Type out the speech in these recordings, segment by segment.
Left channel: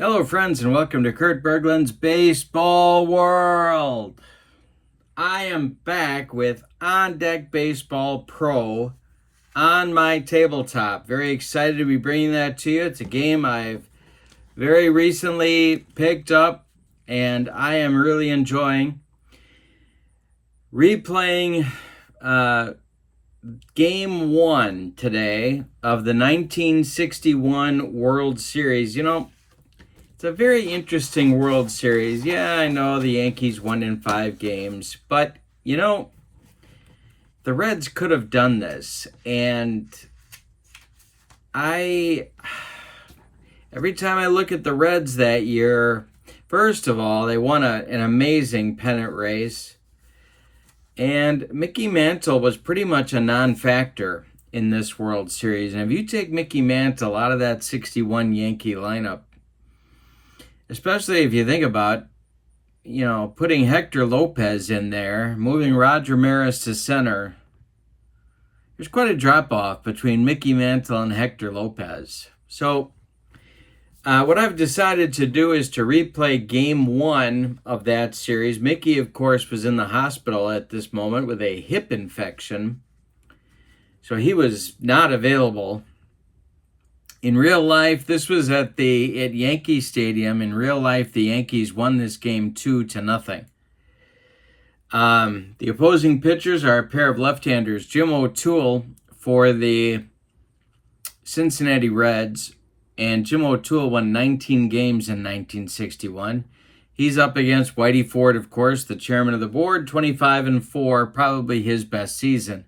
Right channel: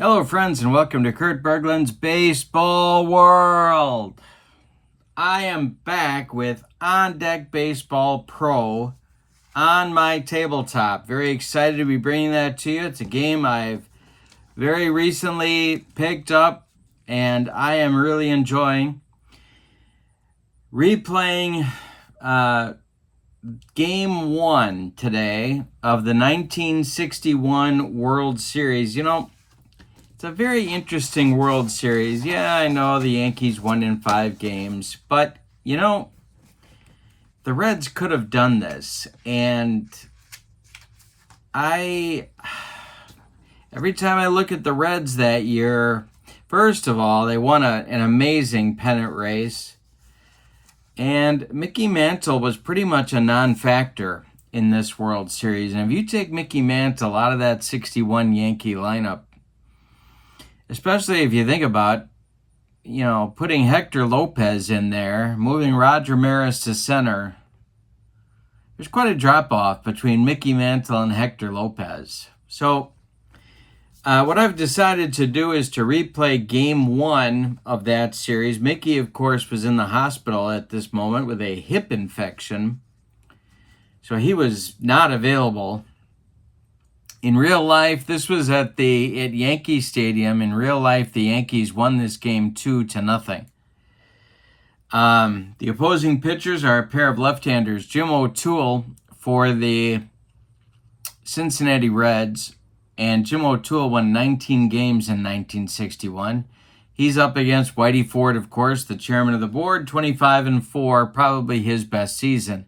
Hello, friends, and welcome to Kurt Berglund's Baseball World. I am back with On Deck Baseball Pro on my tabletop. Very excited to be bringing that to you. It's a game I've very recently picked up, and I am really enjoying replaying Game 1 today of the 1961 World Series. It's a very interesting World Series. Yeah, I know the Yankees won in 5 games, but, the Reds could have done this. And every time I look at the Reds that year, first of all, they won an amazing pennant race. And Mickey Mantle was pretty much a non-factor in this World Series. And if you take Mickey Mantle out of that 61 Yankee lineup, especially if you think about, putting Hector Lopez in there, moving Roger Maris to center, there's quite a drop-off between Mickey Mantle and Hector Lopez. So what I've decided to do is to replay Game 1 of that series. Mickey, of course, was in the hospital at this moment with a hip infection, so he was not available. In real life, this was at Yankee Stadium. In real life, the Yankees won this game 2-0. The opposing pitchers are a pair of left-handers. Jim O'Toole for the Cincinnati Reds, and Jim O'Toole won 19 games in 1961. He's up against Whitey Ford, of course, the chairman of the board, 25-4, probably his best season.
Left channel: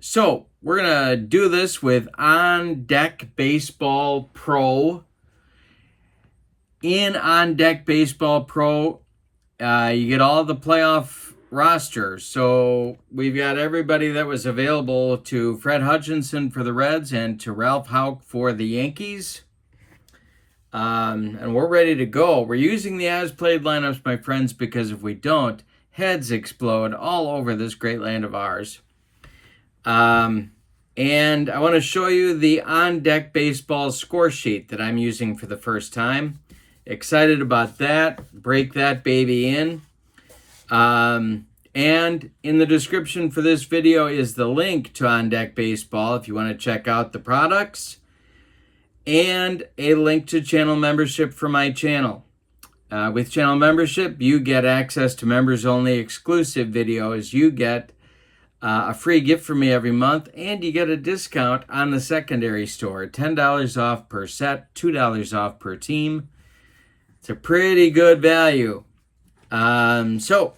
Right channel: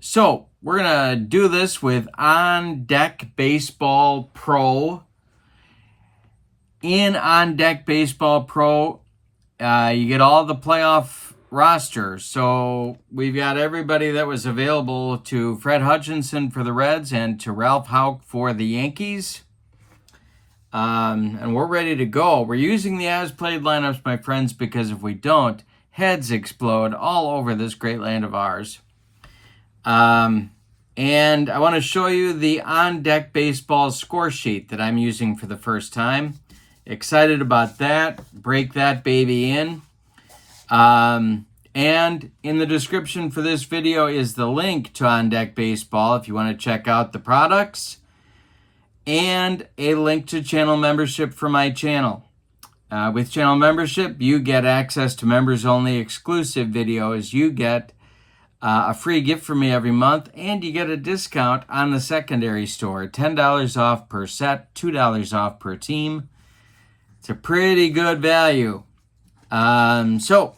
So we're going to do this with On Deck Baseball Pro. In On Deck Baseball Pro, you get all the playoff rosters. So we've got everybody that was available to Fred Hutchinson for the Reds and to Ralph Houck for the Yankees. And we're ready to go. We're using the as-played lineups, my friends, because if we don't, heads explode all over this great land of ours. And I want to show you the On Deck Baseball score sheet that I'm using for the first time. Excited about that. Break that baby in. And in the description for this video is the link to On Deck Baseball if you want to check out the products, and a link to channel membership for my channel. With channel membership, you get access to members-only exclusive videos. You get a free gift from me every month, and you get a discount on the secondary store. $10 off per set, $2 off per team. It's a pretty good value. So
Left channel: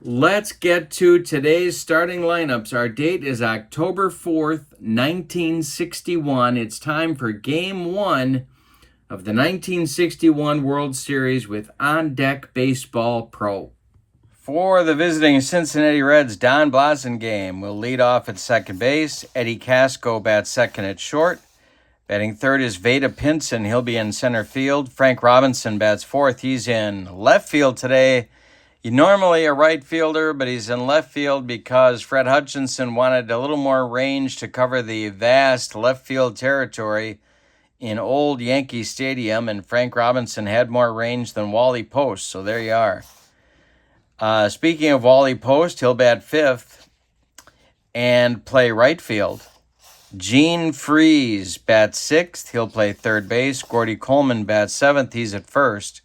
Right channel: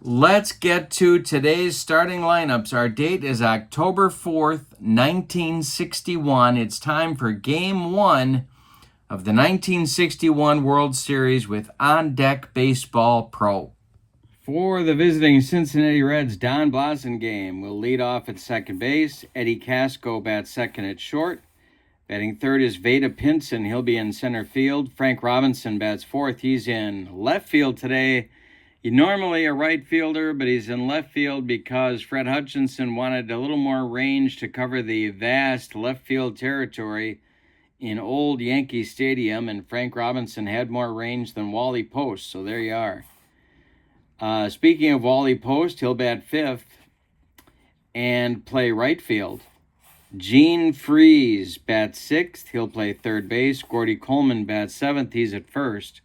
let's get to today's starting lineups. Our date is October 4th, 1961. It's time for Game 1 of the 1961 World Series with On Deck Baseball Pro. For the visiting Cincinnati Reds, Don Blasingame will lead off at second base. Eddie Casco bats second at short. Batting third is Vada Pinson. He'll be in center field. Frank Robinson bats fourth. He's in left field today. He's normally a right fielder, but he's in left field because Fred Hutchinson wanted a little more range to cover the vast left field territory in old Yankee Stadium, and Frank Robinson had more range than Wally Post, so there you are. Speaking of Wally Post, he'll bat fifth and play right field. Gene Freeze bats sixth. He'll play third base. Gordy Coleman bats seventh. He's at first.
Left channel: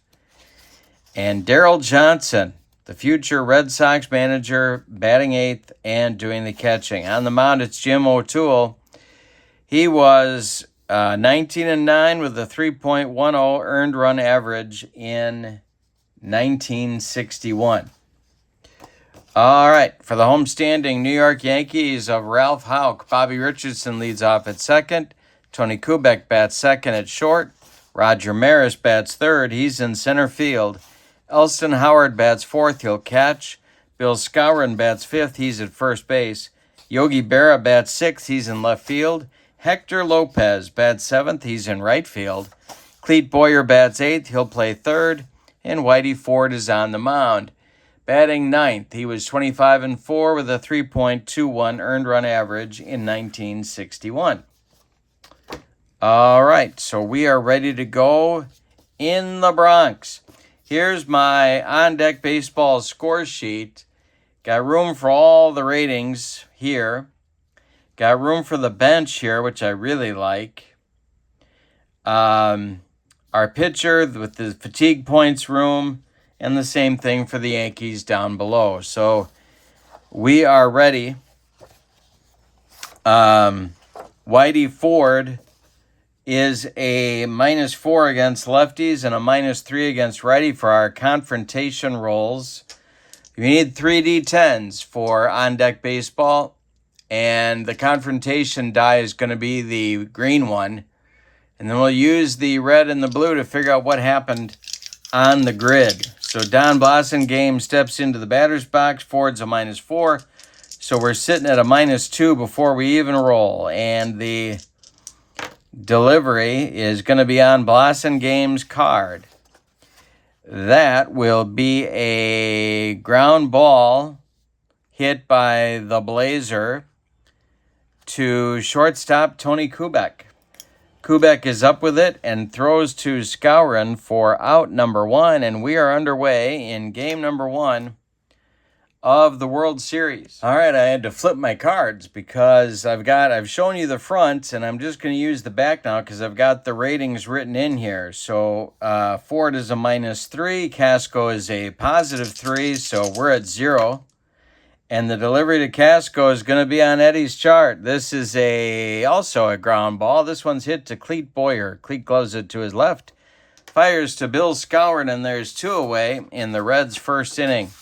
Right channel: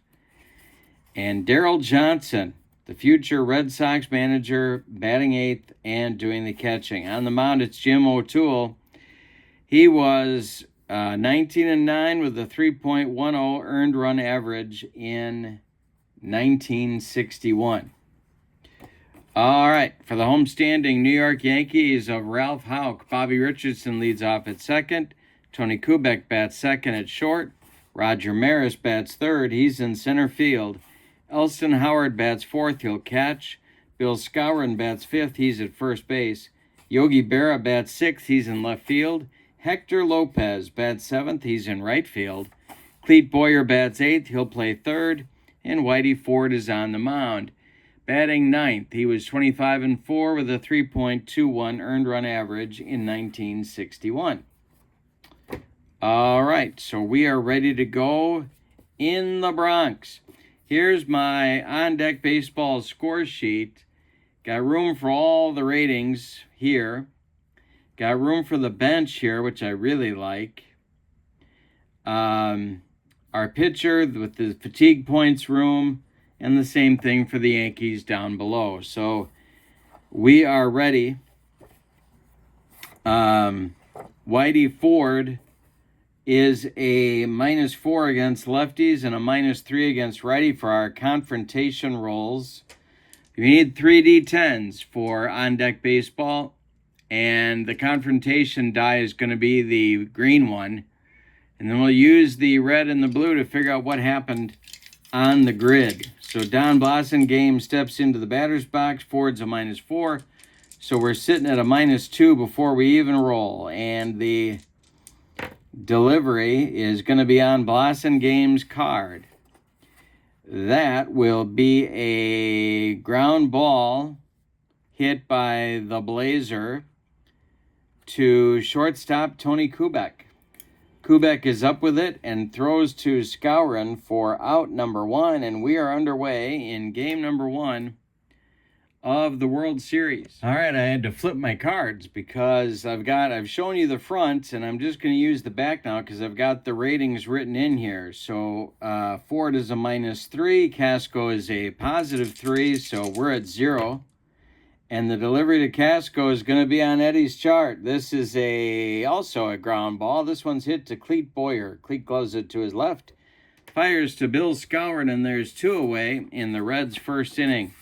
And Darrell Johnson, the future Red Sox manager, batting eighth and doing the catching. On the mound, it's Jim O'Toole. He was 19-9 with a 3.10 earned run average in 1961. All right, for the homestanding New York Yankees of Ralph Houck, Bobby Richardson leads off at second. Tony Kubek bats second at short. Roger Maris bats third. He's in center field. Elston Howard bats fourth. He'll catch. Bill Skowron bats fifth. He's at first base. Yogi Berra bats sixth. He's in left field. Hector Lopez bats seventh. He's in right field. Clete Boyer bats eighth. He'll play third. And Whitey Ford is on the mound. Batting ninth, he was 25-4 with a 3.21 earned run average in 1961. All right, so we are ready to go in the Bronx. Here's my on-deck baseball score sheet. Got room for all the ratings here. Got room for the bench here, which I really like. Our pitcher with the fatigue points room, and the same thing for the Yankees down below. So we are ready. Whitey Ford is a -4 against lefties and a -3 against righty for our confrontation rolls. You need 3 D10s for on-deck baseball, and the confrontation die is going to be the green one. And then we'll use the red and the blue to figure out what happened on the grid. So Don Blasingame steps into the batter's box. Ford's a -4. So we're sitting at a -2 before we even roll. And the delivery is going to be on Blasingame's card. That will be a ground ball hit by the Blazer to shortstop Tony Kubek. Kubek is up with it and throws to Skowron for out number 1, and we are underway in game number 1 of the World Series. All right, I had to flip my cards because I've shown you the front, and I'm just going to use the back now because I've got the ratings written in here. So Ford is a -3, Casco is a +3, so we're at 0. And the delivery to Casco is going to be on Eddie's chart. This is also a ground ball. This one's hit to Cleet Boyer. Cleet gloves it to his left. Fires to Bill Skowron, and there's 2 away in the Reds' first inning.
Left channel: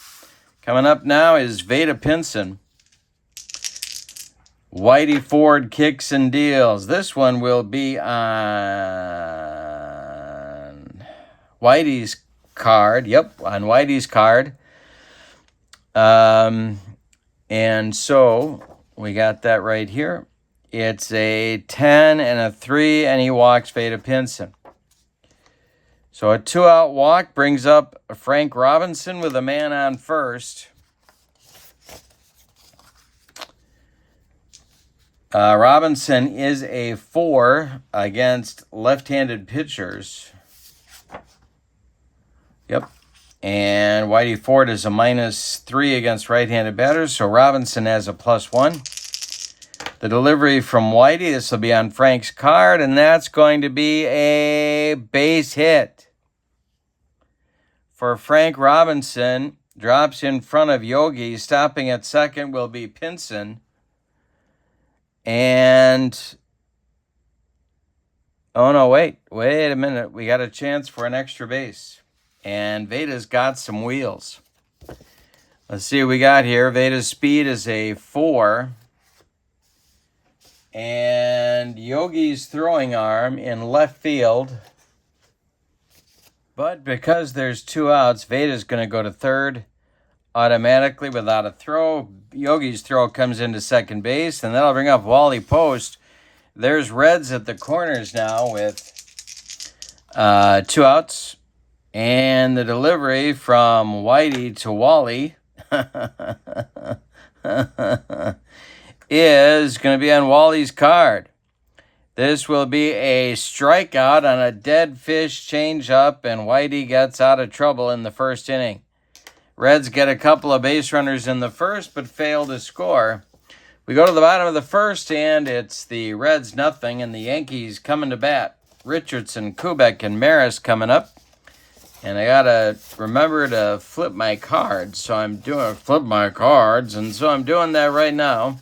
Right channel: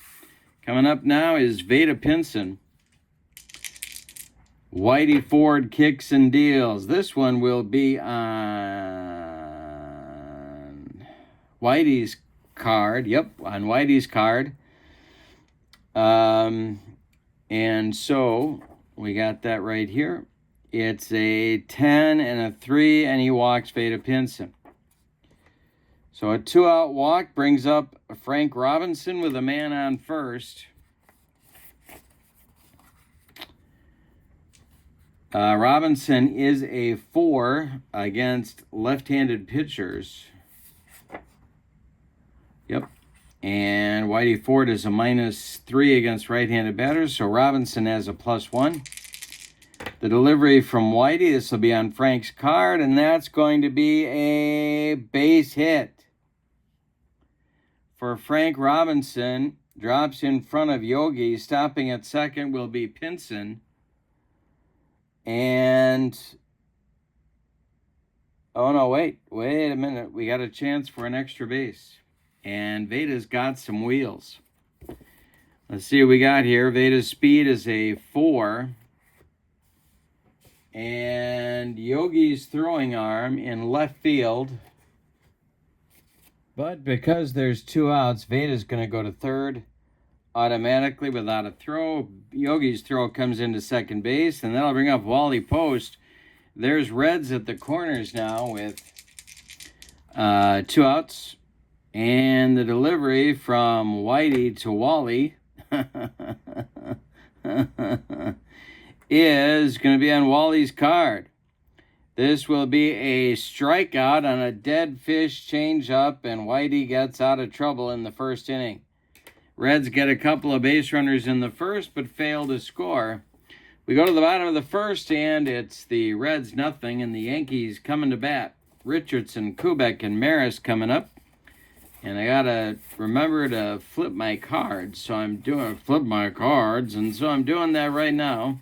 Coming up now is Vada Pinson. Whitey Ford kicks and deals. This one will be on Whitey's card. Yep, on Whitey's card. And so we got that right here. It's a 10 and a 3, and he walks Vada Pinson. So a 2-out walk brings up Frank Robinson with a man on first. Robinson is a 4 against left-handed pitchers. Yep. And Whitey Ford is a -3 against right-handed batters, so Robinson has a +1. The delivery from Whitey, this will be on Frank's card, and that's going to be a base hit. For Frank Robinson, drops in front of Yogi. Stopping at second will be Pinson. And, oh no, wait a minute. We got a chance for an extra base. And Veda's got some wheels. Let's see what we got here. Veda's speed is a 4. And Yogi's throwing arm in left field. But because there's 2 outs, Veda's going to go to third automatically without a throw. Yogi's throw comes into second base, and that'll bring up Wally Post. There's Reds at the corners now with 2 outs. And the delivery from Whitey to Wally is going to be on Wally's card. This will be a strikeout on a dead fish changeup, and Whitey gets out of trouble in the first inning. Reds get a couple of base runners in the first, but fail to score. We go to the bottom of the first, and it's the Reds 0, and the Yankees coming to bat. Richardson, Kubek, and Maris coming up. And I gotta remember to flip my cards, so I'm doing that right now.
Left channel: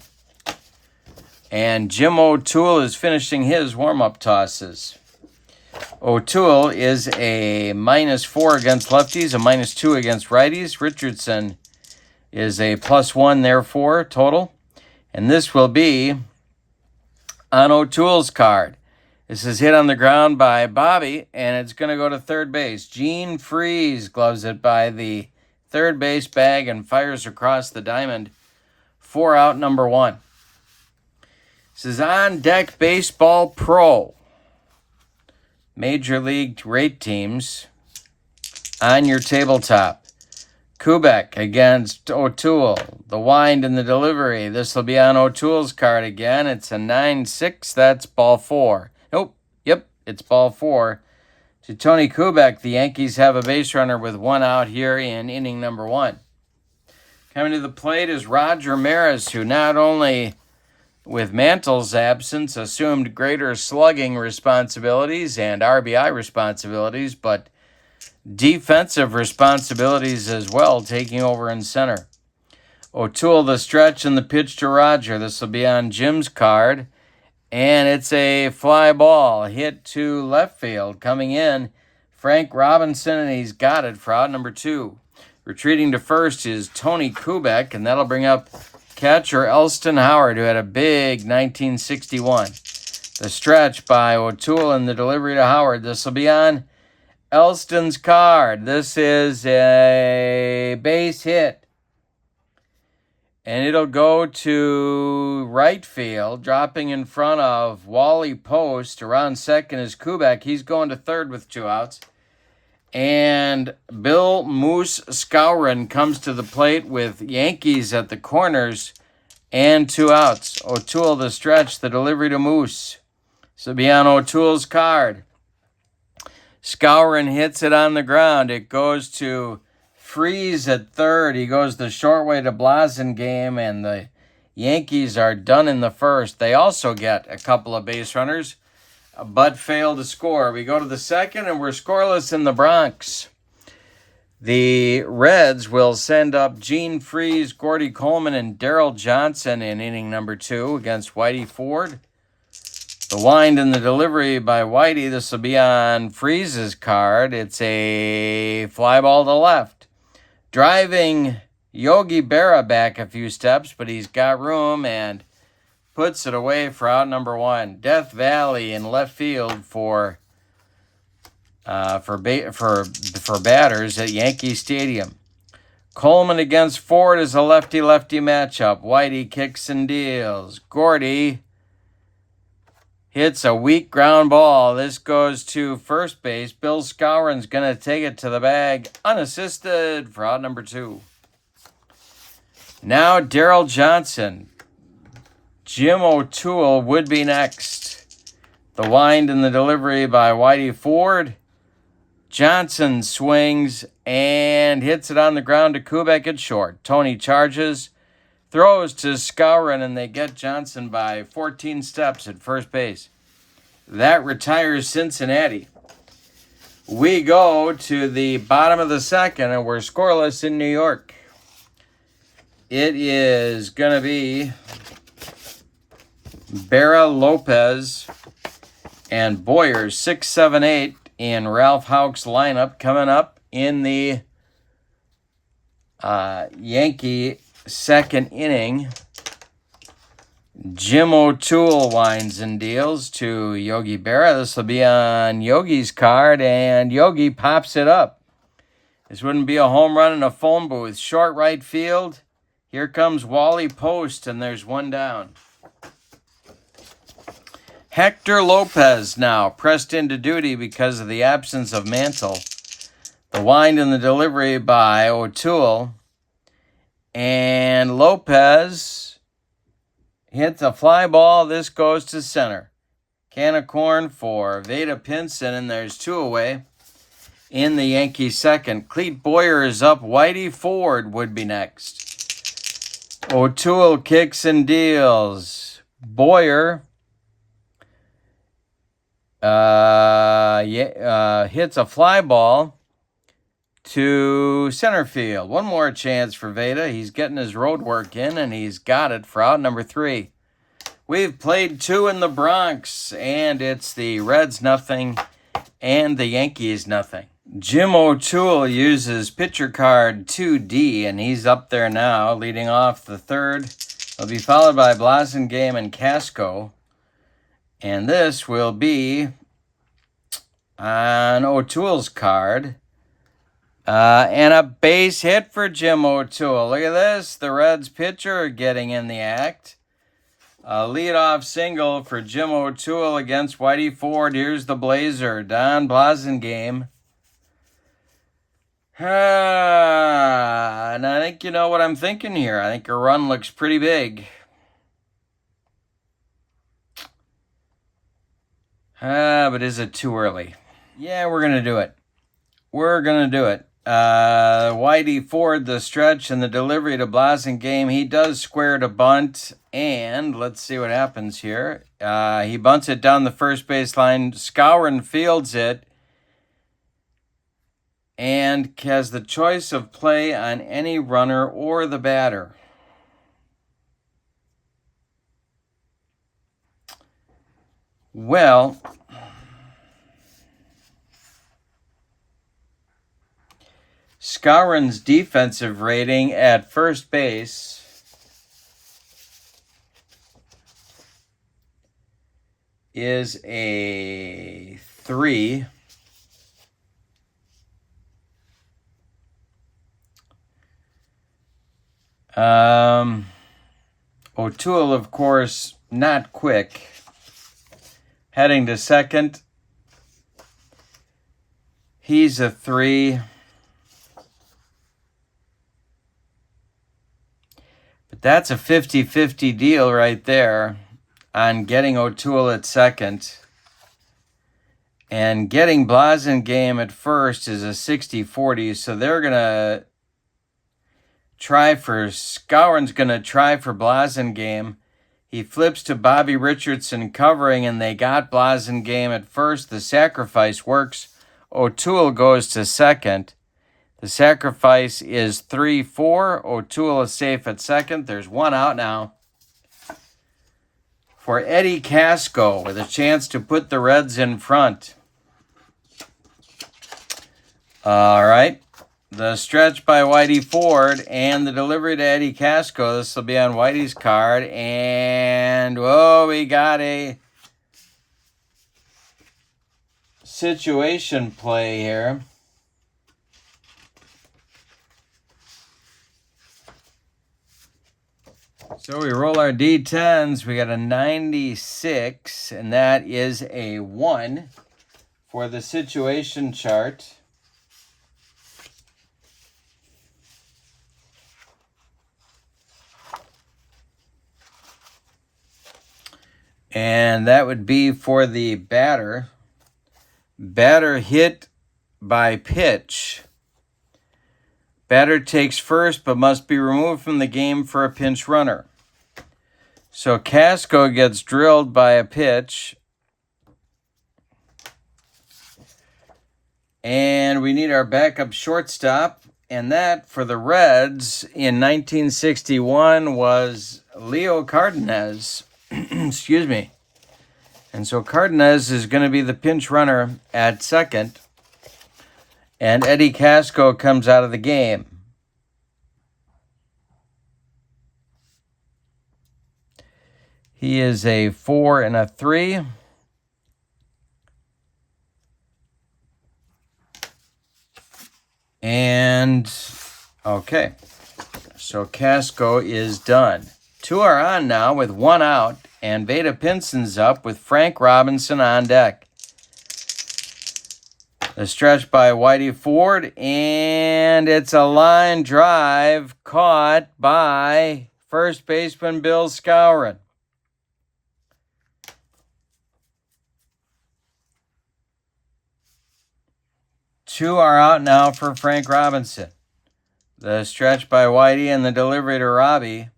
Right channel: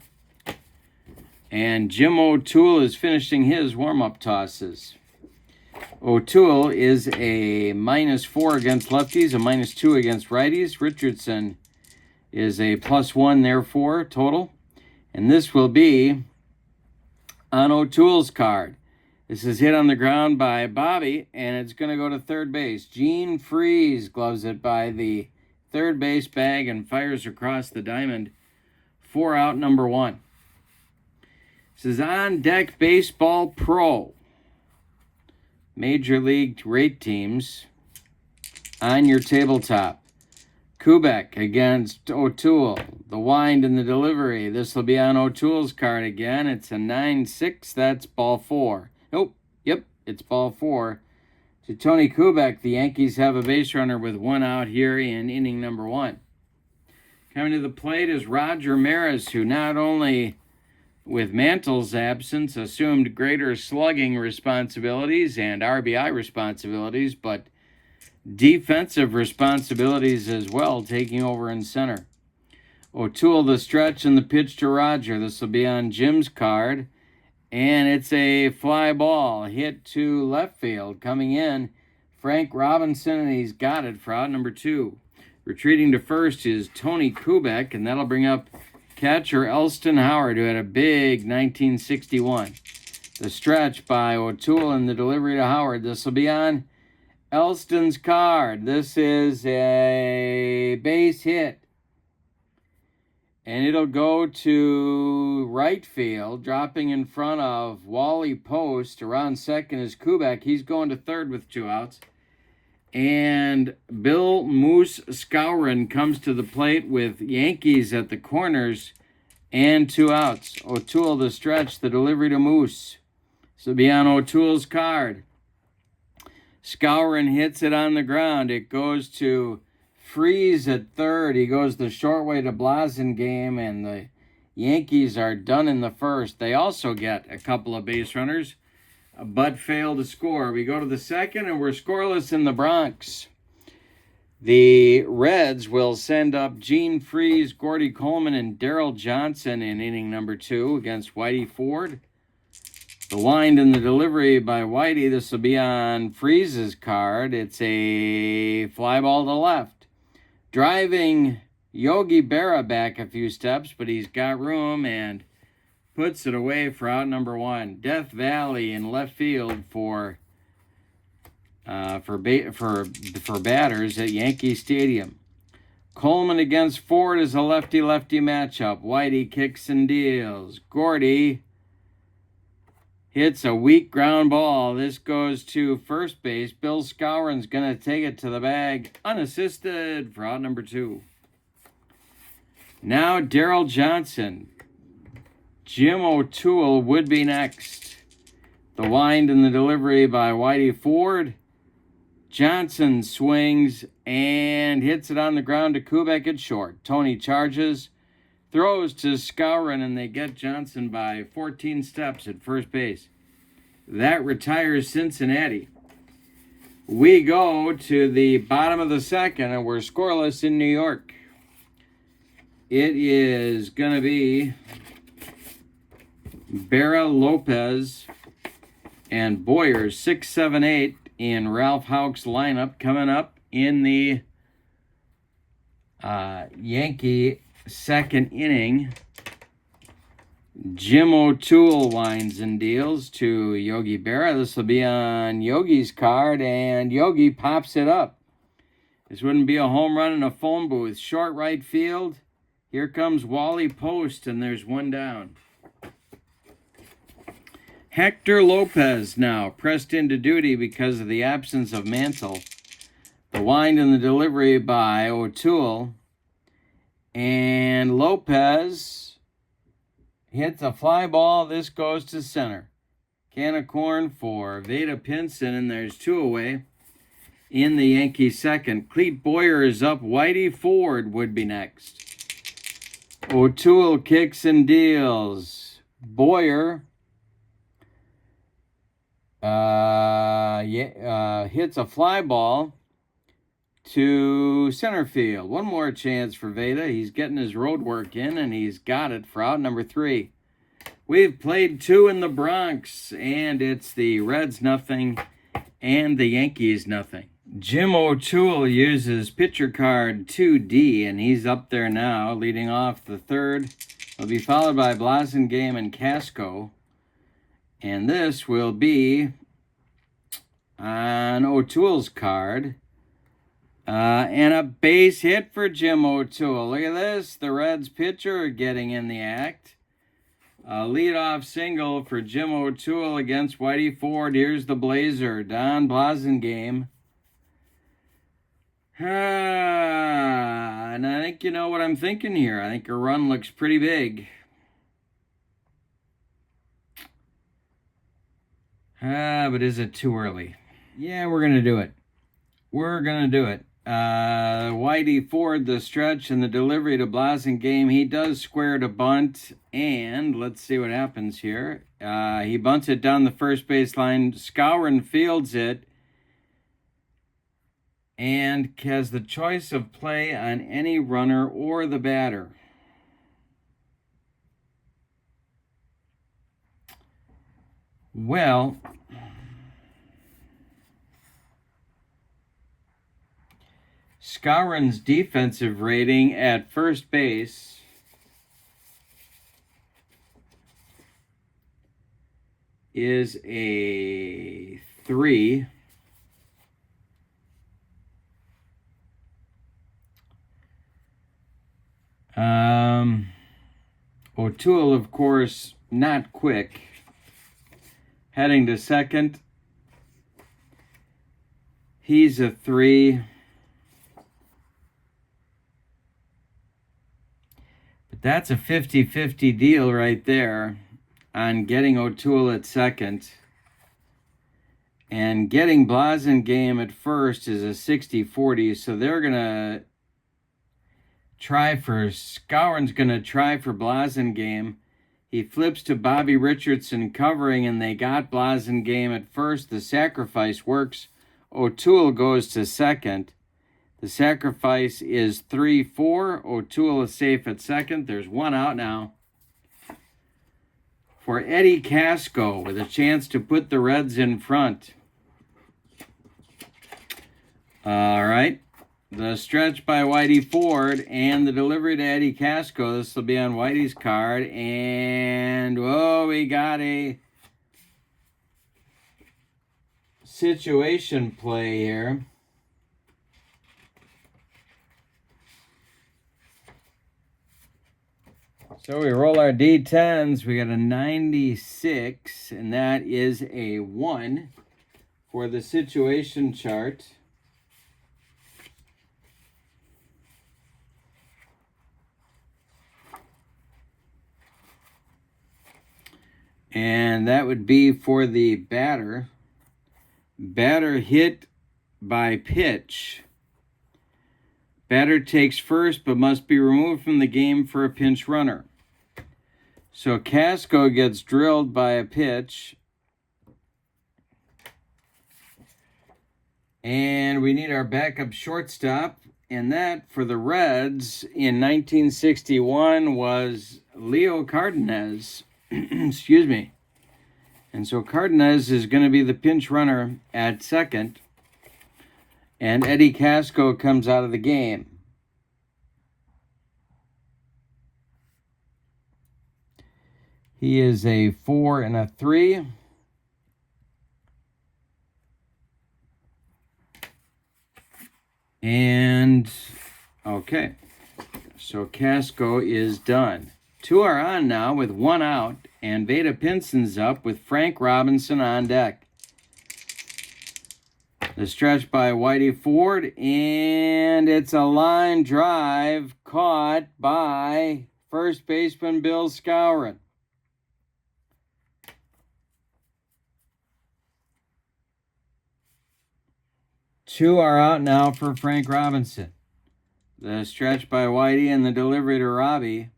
And Jim O'Toole is finishing his warm-up tosses. O'Toole is a -4 against lefties, a -2 against righties. Richardson is a +1, therefore, total. And this will be on O'Toole's card. This is hit on the ground by Bobby, and it's going to go to third base. Gene Freeze gloves it by the third base bag and fires across the diamond for out number 1. This is On Deck Baseball Pro. Major League rate teams on your tabletop. Kubek against O'Toole. The wind and the delivery. This will be on O'Toole's card again. It's a 9-6. That's ball 4. Nope, It's ball 4 to Tony Kubek. The Yankees have a base runner with 1 out here in inning number 1. Coming to the plate is Roger Maris, who not only with Mantle's absence assumed greater slugging responsibilities and RBI responsibilities, but defensive responsibilities as well, taking over in center. O'Toole, the stretch and the pitch to Roger. This will be on Jim's card. And it's a fly ball hit to left field. Coming in, Frank Robinson, and he's got it for out number 2. Retreating to first is Tony Kubek, and that'll bring up catcher Elston Howard, who had a big 1961. The stretch by O'Toole and the delivery to Howard. This will be on Elston's card. This is a base hit. And it'll go to right field, dropping in front of Wally Post. Around second is Kubek. He's going to third with 2 outs. And Bill Moose Skowron comes to the plate with Yankees at the corners and 2 outs. O'Toole, the stretch, the delivery to Moose. So be on O'Toole's card. Skowron hits it on the ground. It goes to Freeze at third. He goes the short way to Blasingame, and the Yankees are done in the first. They also get a couple of base runners, but fail to score. We go to the second, and we're scoreless in the Bronx. The Reds will send up Gene Freeze, Gordy Coleman, and Darrell Johnson in inning number 2 against Whitey Ford. The wind and the delivery by Whitey. This will be on Freeze's card. It's a fly ball to left. Driving Yogi Berra back a few steps, but he's got room and puts it away for out number 1. Death Valley in left field for batters at Yankee Stadium. Coleman against Ford is a lefty-lefty matchup. Whitey kicks and deals. Gordy hits a weak ground ball. This goes to first base. Bill Skowron's going to take it to the bag unassisted for out number 2. Now Darrell Johnson. Jim O'Toole would be next. The wind and the delivery by Whitey Ford. Johnson swings and hits it on the ground to Kubek at short. Tony charges, throws to Skowron, and they get Johnson by 14 steps at first base. That retires Cincinnati. We go to the bottom of the second, and we're scoreless in New York. It is going to be Berra, Lopez, and Boyer, 6, 7, 8 in Ralph Houck's lineup coming up in the Yankee second inning. Jim O'Toole winds and deals to Yogi Berra. This will be on Yogi's card, and Yogi pops it up. This wouldn't be a home run in a phone booth. Short right field. Here comes Wally Post, and there's 1 down. Hector Lopez now pressed into duty because of the absence of Mantle. The wind and the delivery by O'Toole. And Lopez hits a fly ball. This goes to center. Can of corn for Veda Pinson, and there's 2 away in the Yankee second. Clete Boyer is up. Whitey Ford would be next. O'Toole kicks and deals. Boyer hits a fly ball to center field. 1 more chance for Veda. He's getting his road work in, and he's got it for out number 3. We've played 2 in the Bronx, and it's the Reds nothing and the Yankees nothing. Jim O'Toole uses pitcher card 2D, and he's up there now, leading off the third. He'll be followed by Blasingame and Casco. And this will be on O'Toole's card. And a base hit for Jim O'Toole. Look at this. The Reds pitcher getting in the act. A leadoff single for Jim O'Toole against Whitey Ford. Here's the Blazer, Don Blasingame. And I think you know what I'm thinking here. I think a run looks pretty big. But is it too early? Yeah, we're going to do it. We're going to do it. Whitey Ford, the stretch and the delivery to Blasingame. He does square to bunt, and let's see what happens here. He bunts it down the first base line. Skowron fields it and has the choice of play on any runner or the batter. Well, Skowron's defensive rating at first base is a 3. O'Toole, of course, not quick. Heading to second, he's a 3. But that's a 50-50 deal right there on getting O'Toole at second. And getting Blasingame at first is a 60-40, so they're going to try for, Skowron's going to try for Blasingame. He flips to Bobby Richardson covering, and they got Blasingame at first. The sacrifice works. O'Toole goes to second. The sacrifice is 3-4. O'Toole is safe at second. There's one out now for Eddie Casco with a chance to put the Reds in front. All right. The stretch by Whitey Ford and the delivery to Eddie Casco. This will be on Whitey's card. And, we got a situation play here. So we roll our D10s. We got a 96, and that is a 1 for the situation chart. And that would be for the batter. Batter hit by pitch. Batter takes first but must be removed from the game for a pinch runner. So Casco gets drilled by a pitch. And we need our backup shortstop. And that for the Reds in 1961 was Leo Cardenas. Excuse me. And so Cardenas is going to be the pinch runner at second. And Eddie Casco comes out of the game. He is a 4 and a 3. And, okay. So Casco is done. 2 are on now with 1 out, and Veda Pinson's up with Frank Robinson on deck. The stretch by Whitey Ford, and it's a line drive caught by first baseman Bill Skowron. Two are out now for Frank Robinson. The stretch by Whitey and the delivery to Robbie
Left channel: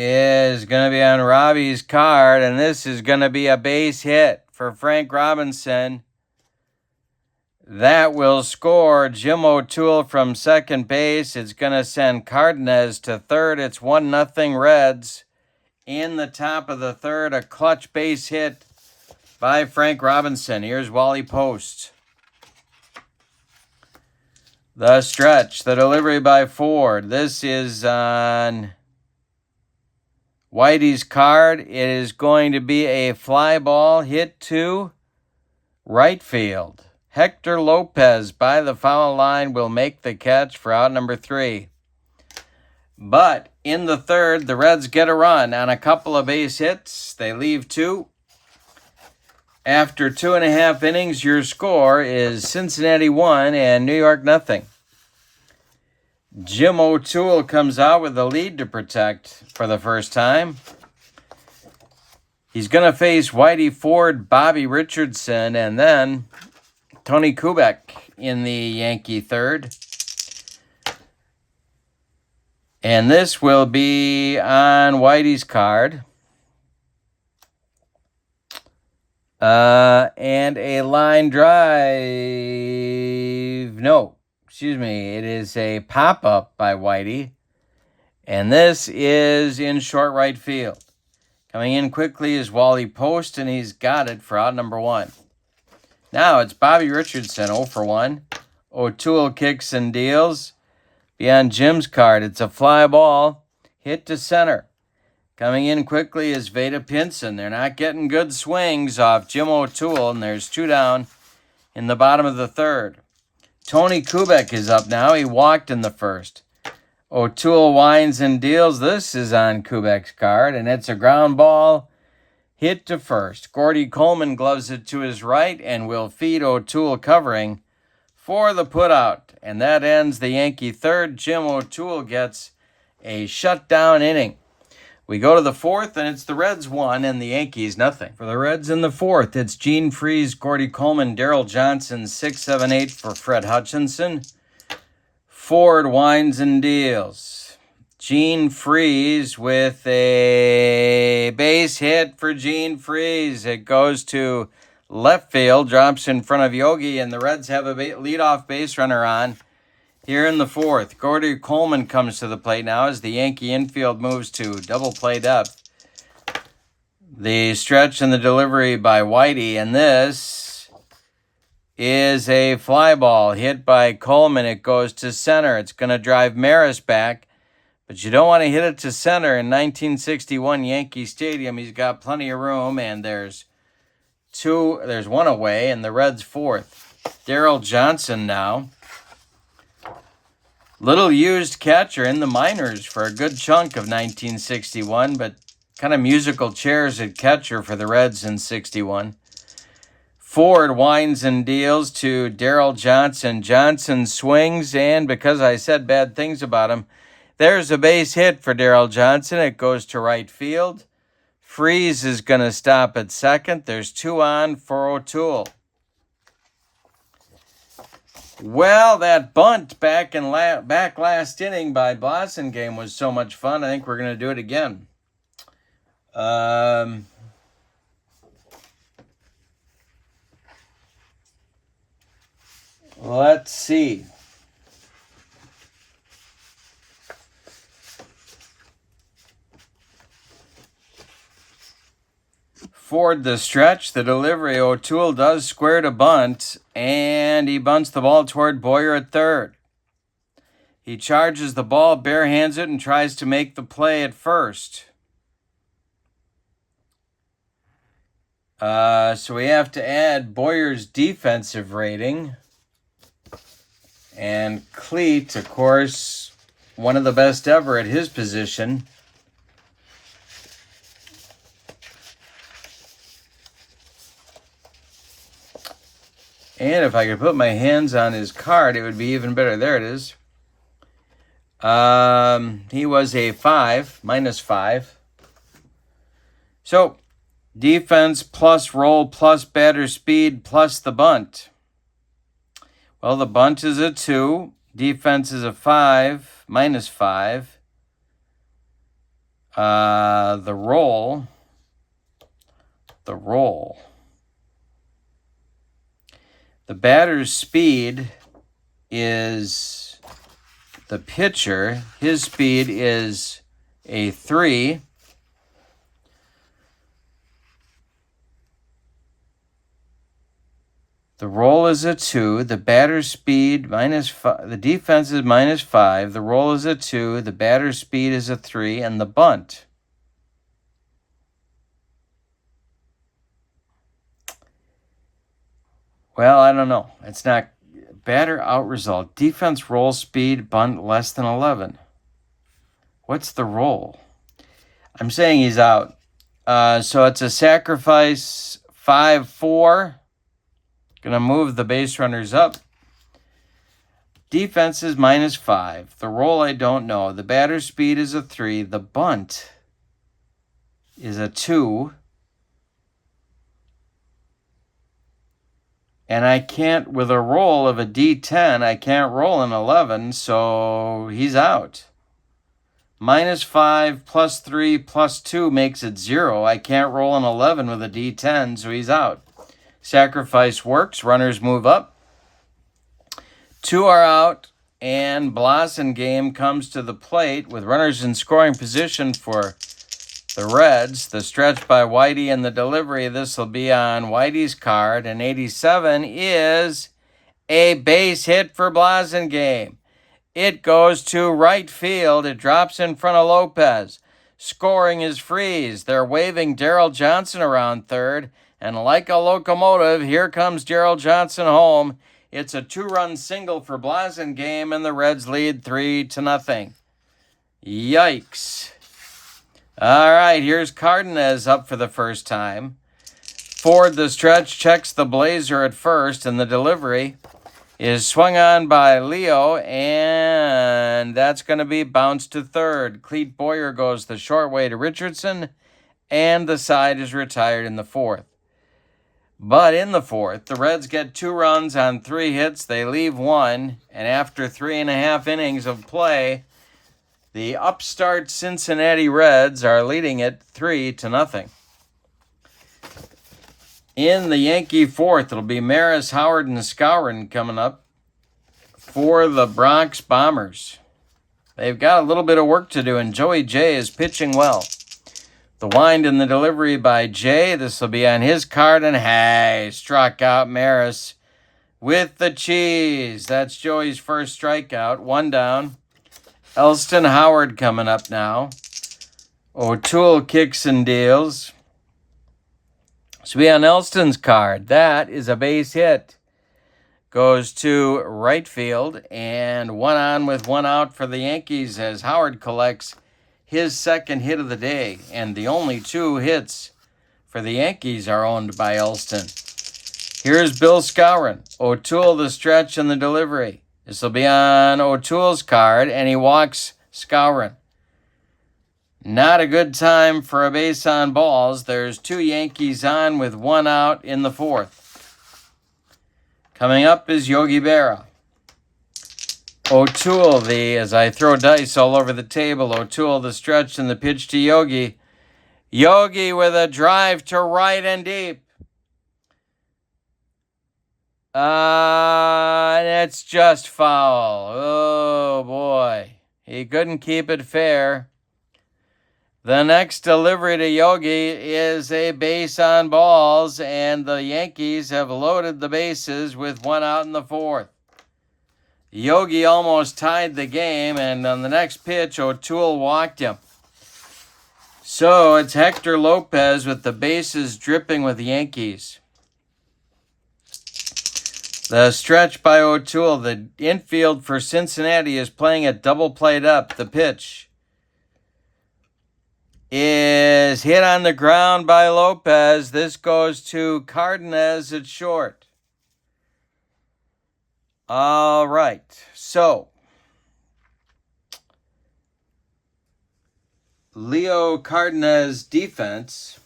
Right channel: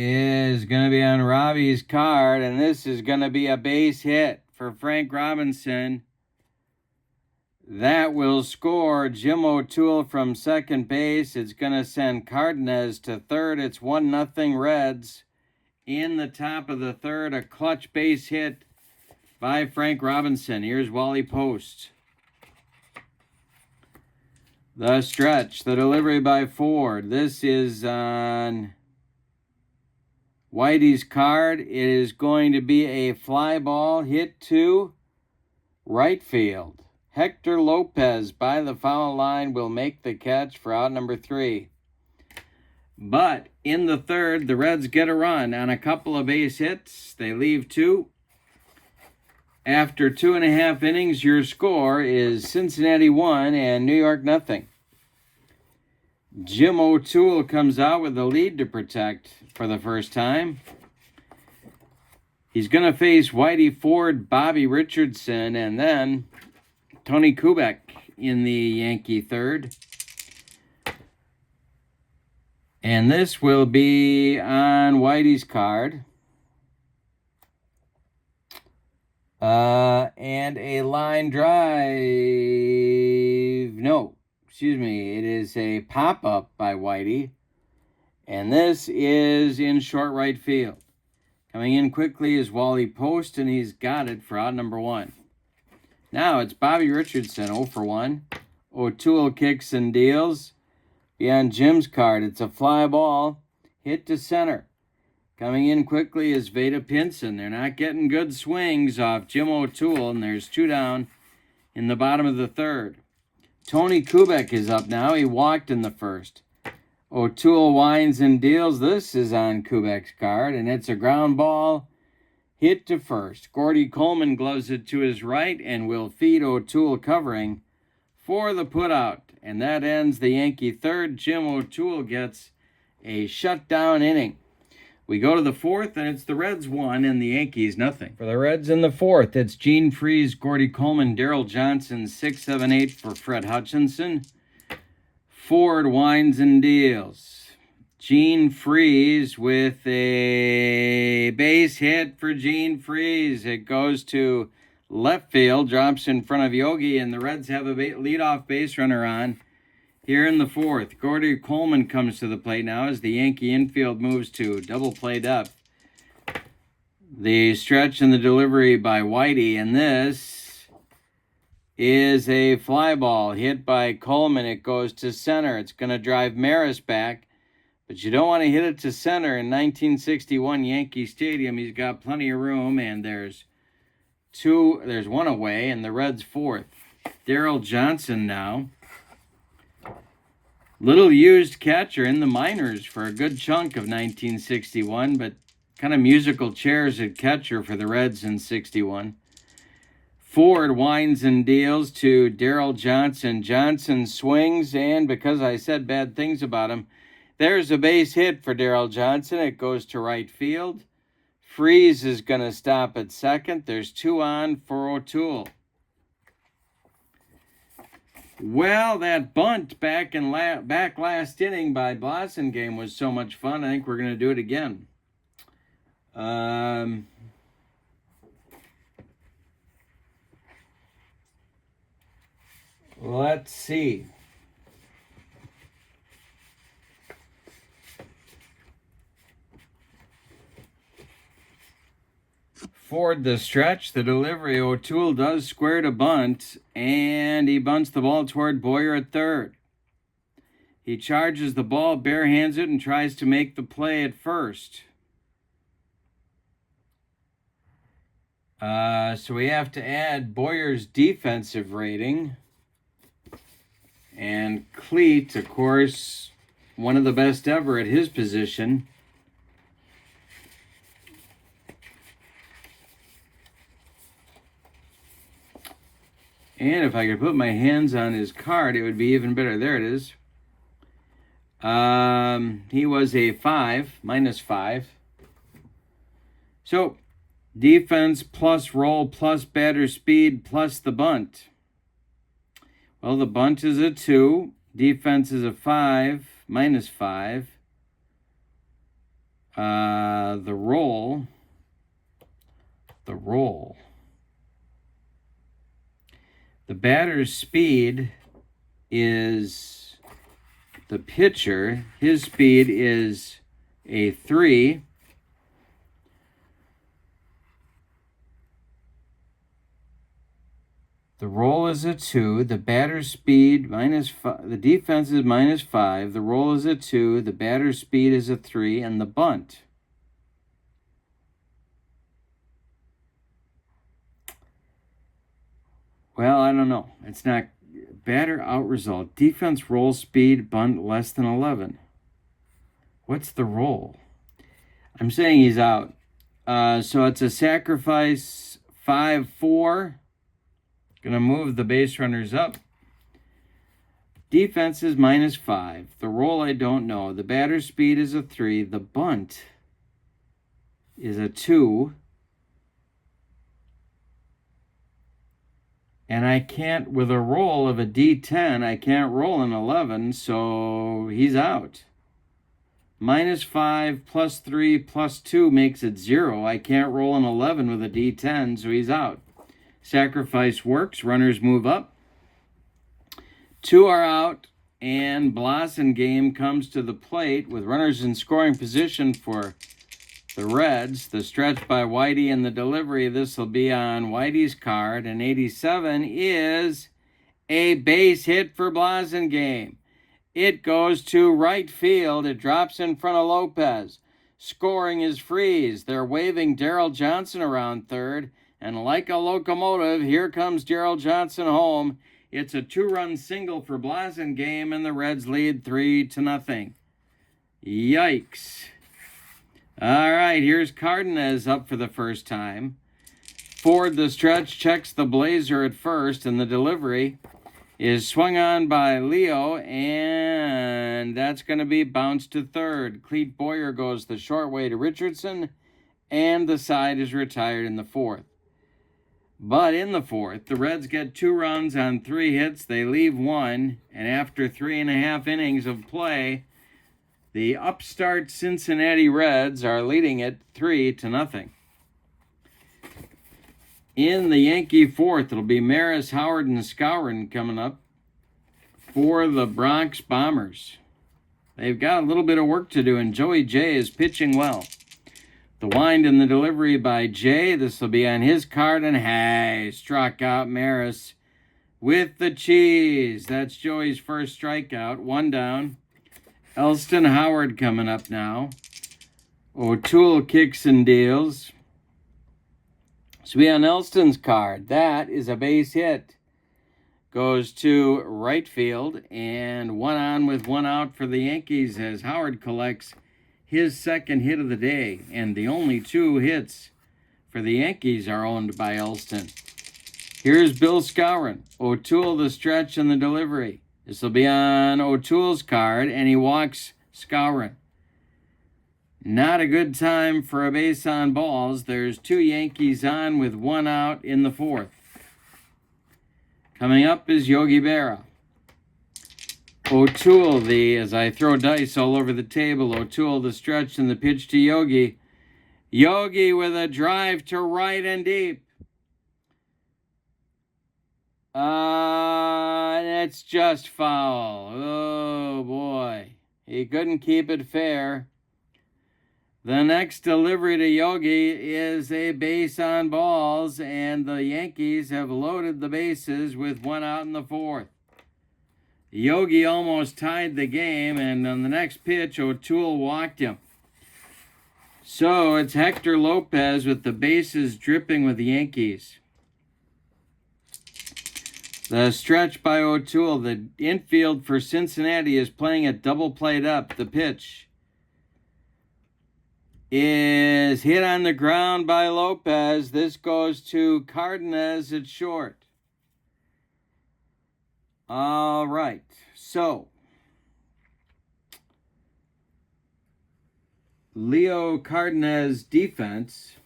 is going to be on Robbie's card, and this is going to be a base hit for Frank Robinson. That will score Jim O'Toole from second base. It's going to send Cardenas to third. It's 1-0 Reds. In the top of the third, a clutch base hit by Frank Robinson. Here's Wally Post. The stretch, the delivery by Ford. This is on Whitey's card. It is going to be a fly ball hit to right field. Hector Lopez by the foul line will make the catch for out number 3. But in the third, the Reds get a run on a couple of base hits. They leave 2. After 2.5 innings, your score is Cincinnati 1 and New York 0. Jim O'Toole comes out with the lead to protect for the first time. He's going to face Whitey Ford, Bobby Richardson, and then Tony Kubek in the Yankee third. And this will be on Whitey's card. And a line drive. No, excuse me. It is a pop-up by Whitey. And this is in short right field. Coming in quickly is Wally Post, and he's got it for out number 1. Now it's Bobby Richardson, 0 for 1. O'Toole kicks and deals. Beyond Jim's card, it's a fly ball. Hit to center. Coming in quickly is Veda Pinson. They're not getting good swings off Jim O'Toole, and there's 2 down in the bottom of the third. Tony Kubek is up now. He walked in the first. O'Toole winds and deals. This is on Kubek's card, and it's a ground ball hit to first. Gordy Coleman gloves it to his right and will feed O'Toole covering for the putout. And that ends the Yankee third. Jim O'Toole gets a shutdown inning. We go to the fourth, and it's the Reds 1 and the Yankees nothing. For the Reds in the fourth, it's Gene Freese, Gordy Coleman, Darryl Johnson, 6, 7, 8 for Fred Hutchinson. Ford winds and deals. Gene Freese with a base hit for Gene Freese. It goes to left field, drops in front of Yogi, and the Reds have a leadoff base runner on here in the fourth. Gordy Coleman comes to the plate now as the Yankee infield moves to double play depth. The stretch and the delivery by Whitey, and this is a fly ball hit by Coleman. It goes to center. It's going to drive Maris back, but you don't want to hit it to center in 1961 Yankee Stadium. He's got plenty of room, and there's 1 away, and the Reds fourth. Darryl Johnson now. Little used catcher in the minors for a good chunk of 1961, but kind of musical chairs at catcher for the Reds in 61. Ford winds and deals to Darryl Johnson. Johnson swings, and because I said bad things about him, there's a base hit for Darryl Johnson. It goes to right field. Freese is going to stop at second. There's 2 on for O'Toole. Well, that bunt back last inning by Blasingame was so much fun. I think we're going to do it again. Let's see. Ford the stretch, the delivery. O'Toole does square to bunt, and he bunts the ball toward Boyer at third. He charges the ball, barehands it, and tries to make the play at first. So we have to add Boyer's defensive rating. And Cleat, of course, one of the best ever at his position. And if I could put my hands on his card, it would be even better. There it is. He was a 5, -5. So, defense plus roll plus batter speed plus the bunt. Well, the bunt is a 2. Defense is a 5, -5. The roll. The batter's speed is the pitcher. His speed is a 3. The roll is a 2. The batter's speed -5. The defense is -5. The roll is a 2. The batter's speed is a 3. And the bunt. Well, I don't know. It's not batter out result. Defense roll speed bunt less than 11. What's the roll? I'm saying he's out. So it's a sacrifice 5-4. Gonna move the base runners up. Defense is -5. The roll I don't know. The batter speed is a 3. The bunt is a 2. And I can't, with a roll of a D10, I can't roll an 11, so he's out. -5, +3, +2 makes it 0. I can't roll an 11 with a D10, so he's out. Sacrifice works. Runners move up. 2 are out, and Blasingame comes to the plate with runners in scoring position for the Reds. The stretch by Whitey and the delivery. This will be on Whitey's card, and 87 is a base hit for Blasingame. It goes to right field. It drops in front of Lopez. Scoring is Freeze. They're waving Darryl Johnson around third. And like a locomotive, here comes Darryl Johnson home. It's a 2-run single for Blasingame, and the Reds lead 3-0. Yikes. All right, here's Cardenas up for the first time. Ford, the stretch, checks the blazer at first, and the delivery is swung on by Leo, and that's going to be bounced to third. Cleet Boyer goes the short way to Richardson, and the side is retired in the fourth. But in the fourth, the Reds get 2 runs on 3 hits. They leave 1, and after 3.5 innings of play, the upstart Cincinnati Reds are leading it 3-0. In the Yankee fourth, it'll be Maris, Howard, and Skowron coming up for the Bronx Bombers. They've got a little bit of work to do, and Joey Jay is pitching well. The wind and the delivery by Jay. This will be on his card, and hey, struck out Maris with the cheese. That's Joey's first strikeout. 1 down. Elston Howard coming up now. O'Toole kicks and deals. So be on Elston's card. That is a base hit. Goes to right field, and 1 on with 1 out for the Yankees as Howard collects his second hit of the day, and the only 2 hits for the Yankees are owned by Elston. Here's Bill Skowron. O'Toole the stretch and the delivery. This will be on O'Toole's card, and he walks Skowron. Not a good time for a base on balls. There's 2 Yankees on with 1 out in the fourth. Coming up is Yogi Berra. O'Toole, as I throw dice all over the table, O'Toole the stretch and the pitch to Yogi. Yogi with a drive to right and deep. It's just foul. Oh, boy. He couldn't keep it fair. The next delivery to Yogi is a base on balls, and the Yankees have loaded the bases with 1 out in the fourth. Yogi almost tied the game, and on the next pitch, O'Toole walked him. So it's Hector Lopez with the bases dripping with the Yankees. The stretch by O'Toole. The infield for Cincinnati is playing it double played up. The pitch is hit on the ground by Lopez. This goes to Cardenas at short. All right, so Leo Cardenas' defense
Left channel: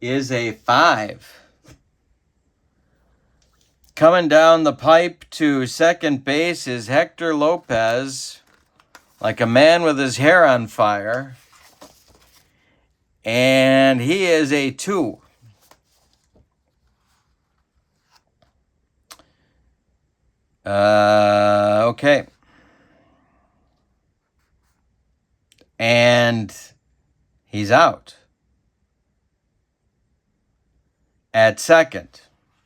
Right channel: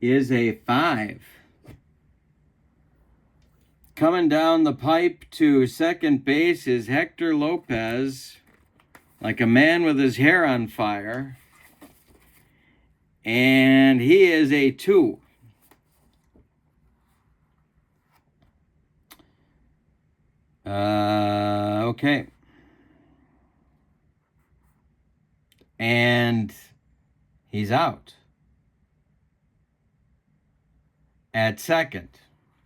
is a 5. Coming down the pipe to second base is Hector Lopez, like a man with his hair on fire, and he is a 2. Okay. And he's out at second.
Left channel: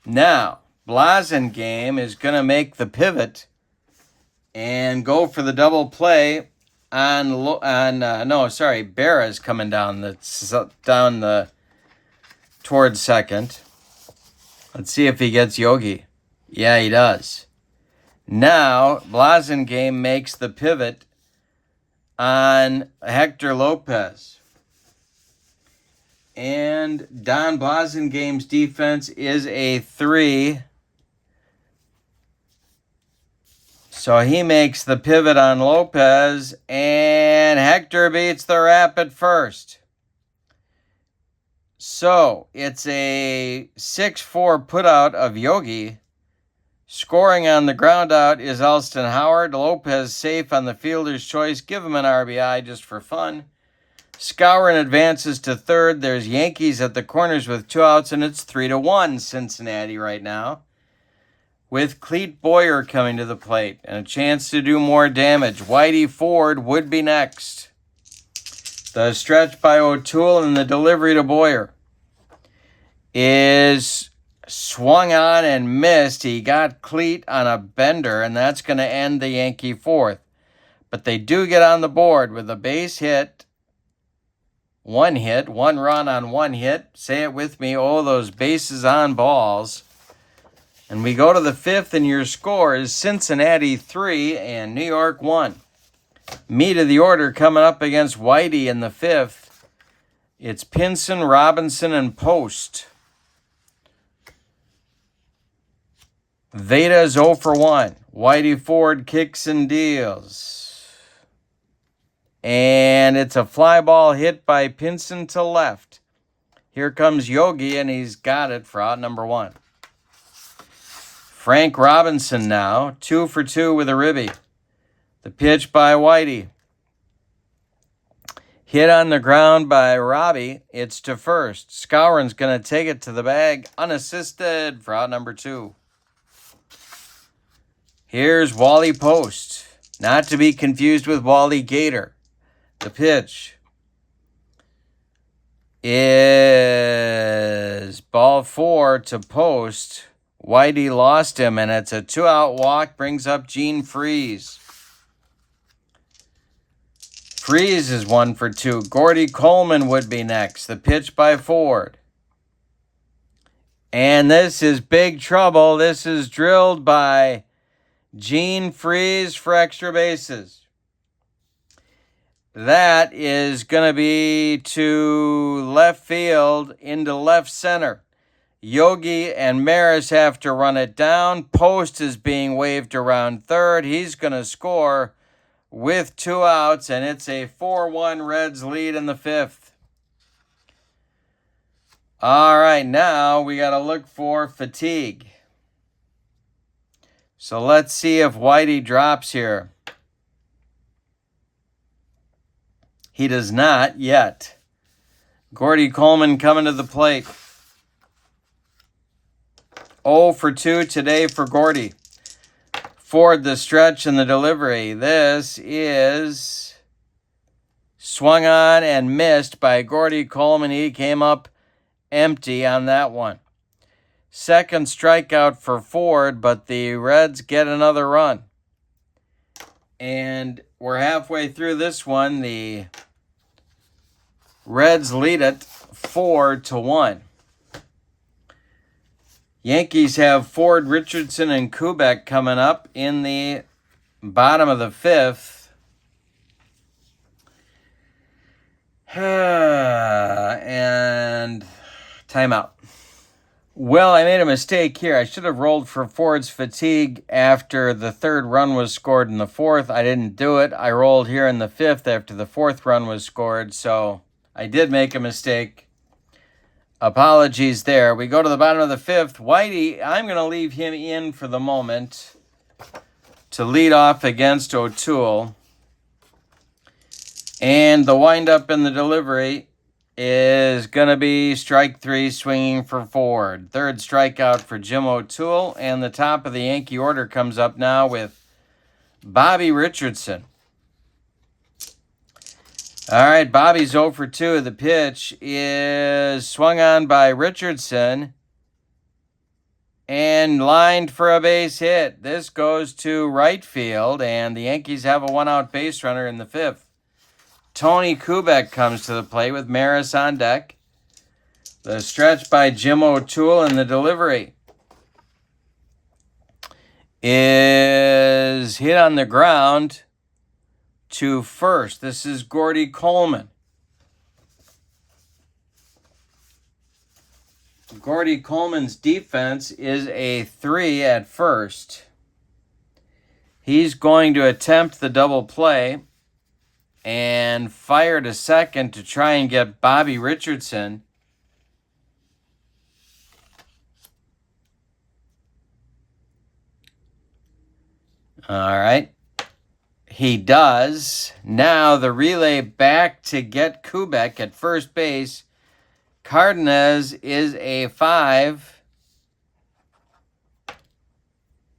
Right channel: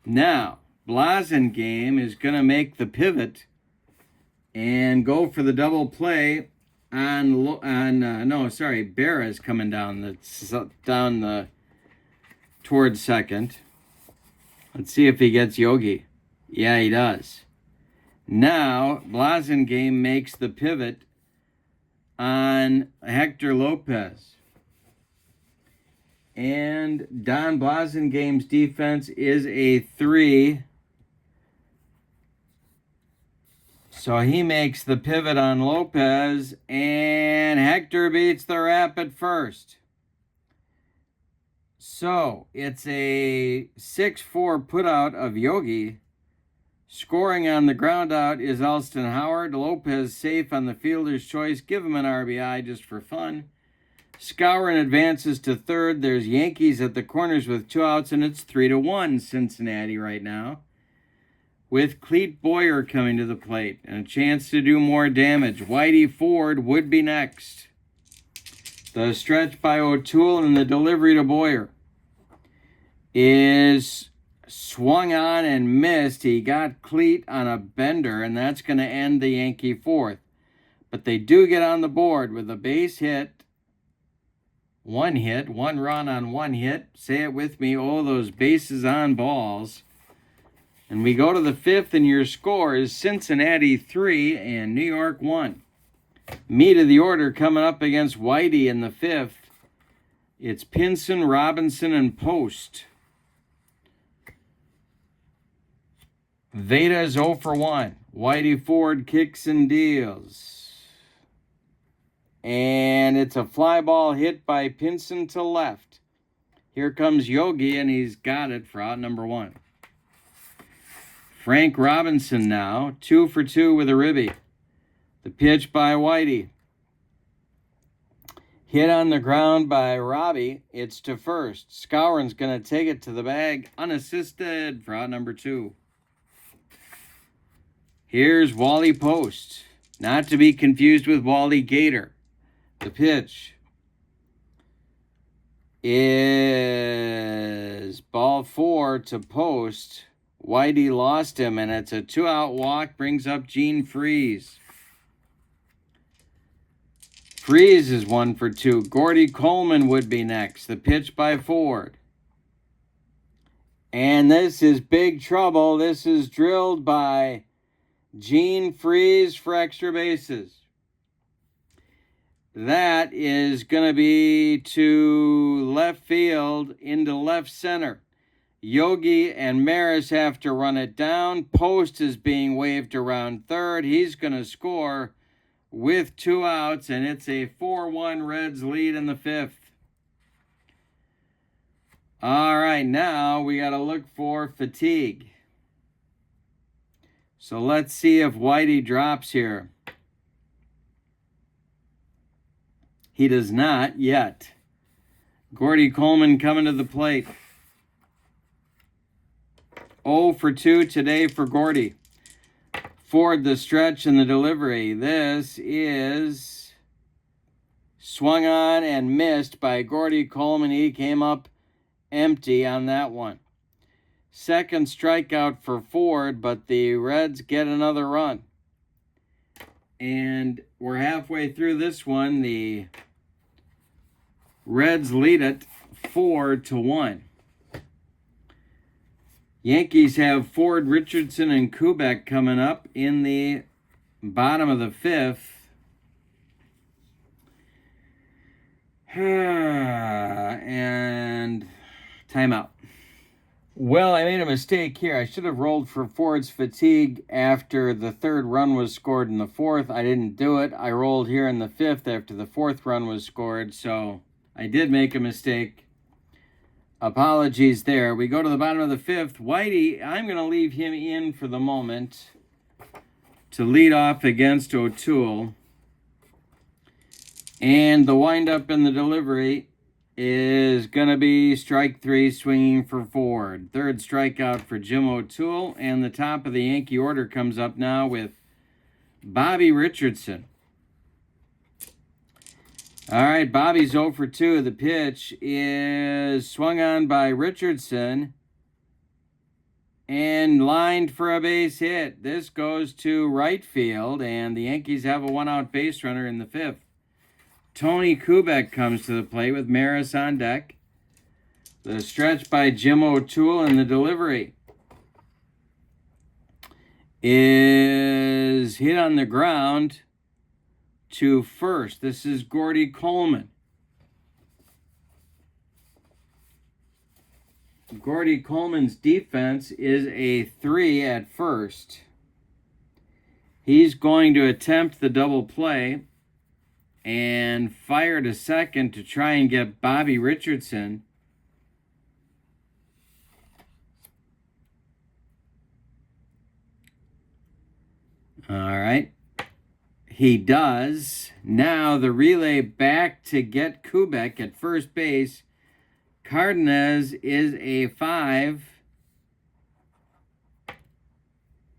Now, Blasingame is going to make the pivot and go for the double play Berra is coming down towards second. Let's see if he gets Yogi. Yeah, he does. Now, Blasingame makes the pivot on Hector Lopez. And Don Blasingame's defense is a 3. So he makes the pivot on Lopez, and Hector beats the rap at first. So it's a 6-4 putout of Yogi. Scoring on the ground out is Alston Howard. Lopez safe on the fielder's choice. Give him an RBI just for fun. Skowron advances to third. There's Yankees at the corners with 2 outs, and it's 3-1 Cincinnati right now, with Clete Boyer coming to the plate and a chance to do more damage. Whitey Ford would be next. The stretch by O'Toole and the delivery to Boyer is swung on and missed. He got Clete on a bender, and that's going to end the Yankee fourth. But they do get on the board with a base hit. One run on one hit. Say it with me. Oh, those bases on balls. And we go to the fifth, and your score is Cincinnati 3 and New York 1. Meat of the order coming up against Whitey in the fifth. It's Pinson, Robinson, and Post. Veda's 0 for 1. Whitey Ford kicks and deals. And it's a fly ball hit by Pinson to left. Here comes Yogi, and he's got it for out number 1. Frank Robinson now, 2 for 2 with a ribby. The pitch by Whitey. Hit on the ground by Robbie. It's to first. Skowron's going to take it to the bag unassisted for out number 2. Here's Wally Post. Not to be confused with Wally Gator. The pitch is ball 4 to Post. Whitey lost him, and it's a 2-out walk. Brings up Gene Freeze. Freeze is 1 for 2. Gordy Coleman would be next. The pitch by Ford. And this is big trouble. This is drilled by Gene Freeze for extra bases. That is going to be to left field into left center. Yogi and Maris have to run it down. Post is being waved around third. He's going to score with 2 outs, and it's a 4-1 Reds lead in the fifth. All right, now we got to look for fatigue. So let's see if Whitey drops here. He does not yet. Gordy Coleman coming to the plate. 0 for 2 today for Gordy. Ford the stretch and the delivery. This is swung on and missed by Gordy Coleman. He came up empty on that one. Second strikeout for Ford, but the Reds get another run. And we're halfway through this one. The Reds lead it 4-1. Yankees have Ford, Richardson, and Kubek coming up in the bottom of the fifth. And timeout. Well, I made a mistake here. I should have rolled for Ford's fatigue after the third run was scored in the fourth. I didn't do it. I rolled here in the fifth after the fourth run was scored. So I did make a mistake. Apologies there. We go to the bottom of the fifth. Whitey, I'm going to leave him in for the moment to lead off against O'Toole. And the windup in the delivery is going to be strike 3 swinging for Ford. Third strikeout for Jim O'Toole. And the top of the Yankee order comes up now with Bobby Richardson. All right, Bobby's 0 for 2. The pitch is swung on by Richardson and lined for a base hit. This goes to right field, and the Yankees have a 1-out base runner in the fifth. Tony Kubek comes to the plate with Maris on deck. The stretch by Jim O'Toole and the delivery is hit on the ground to first. This is Gordy Coleman. Gordy Coleman's defense is a 3 at first. He's going to attempt the double play and fire to second to try and get Bobby Richardson All right. He does. Now the relay back to get Kubek at first base. Cardenas is a 5.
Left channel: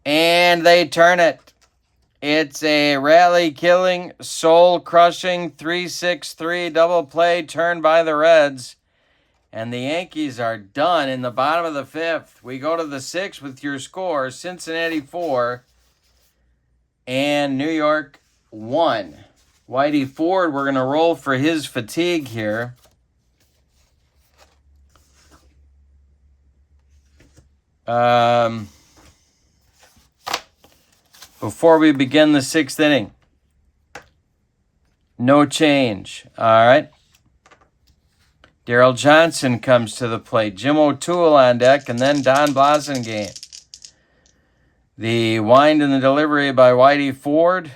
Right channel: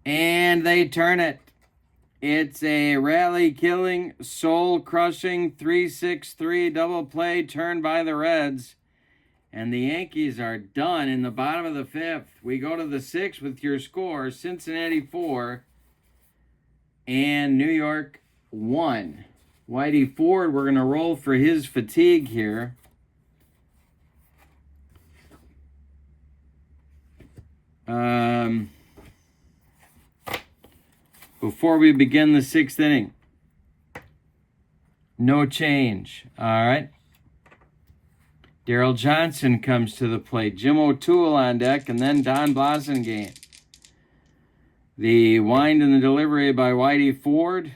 And they turn it. It's a rally-killing, soul-crushing 3-6-3 double play turn by the Reds. And the Yankees are done in the bottom of the 5th. We go to the 6th with your score. Cincinnati 4 and New York 1. Whitey Ford, we're going to roll for his fatigue here. Before we begin the 6th inning. No change. All right. Daryl Johnson comes to the plate. Jim O'Toole on deck, and then Don Blasingame. The wind and the delivery by Whitey Ford.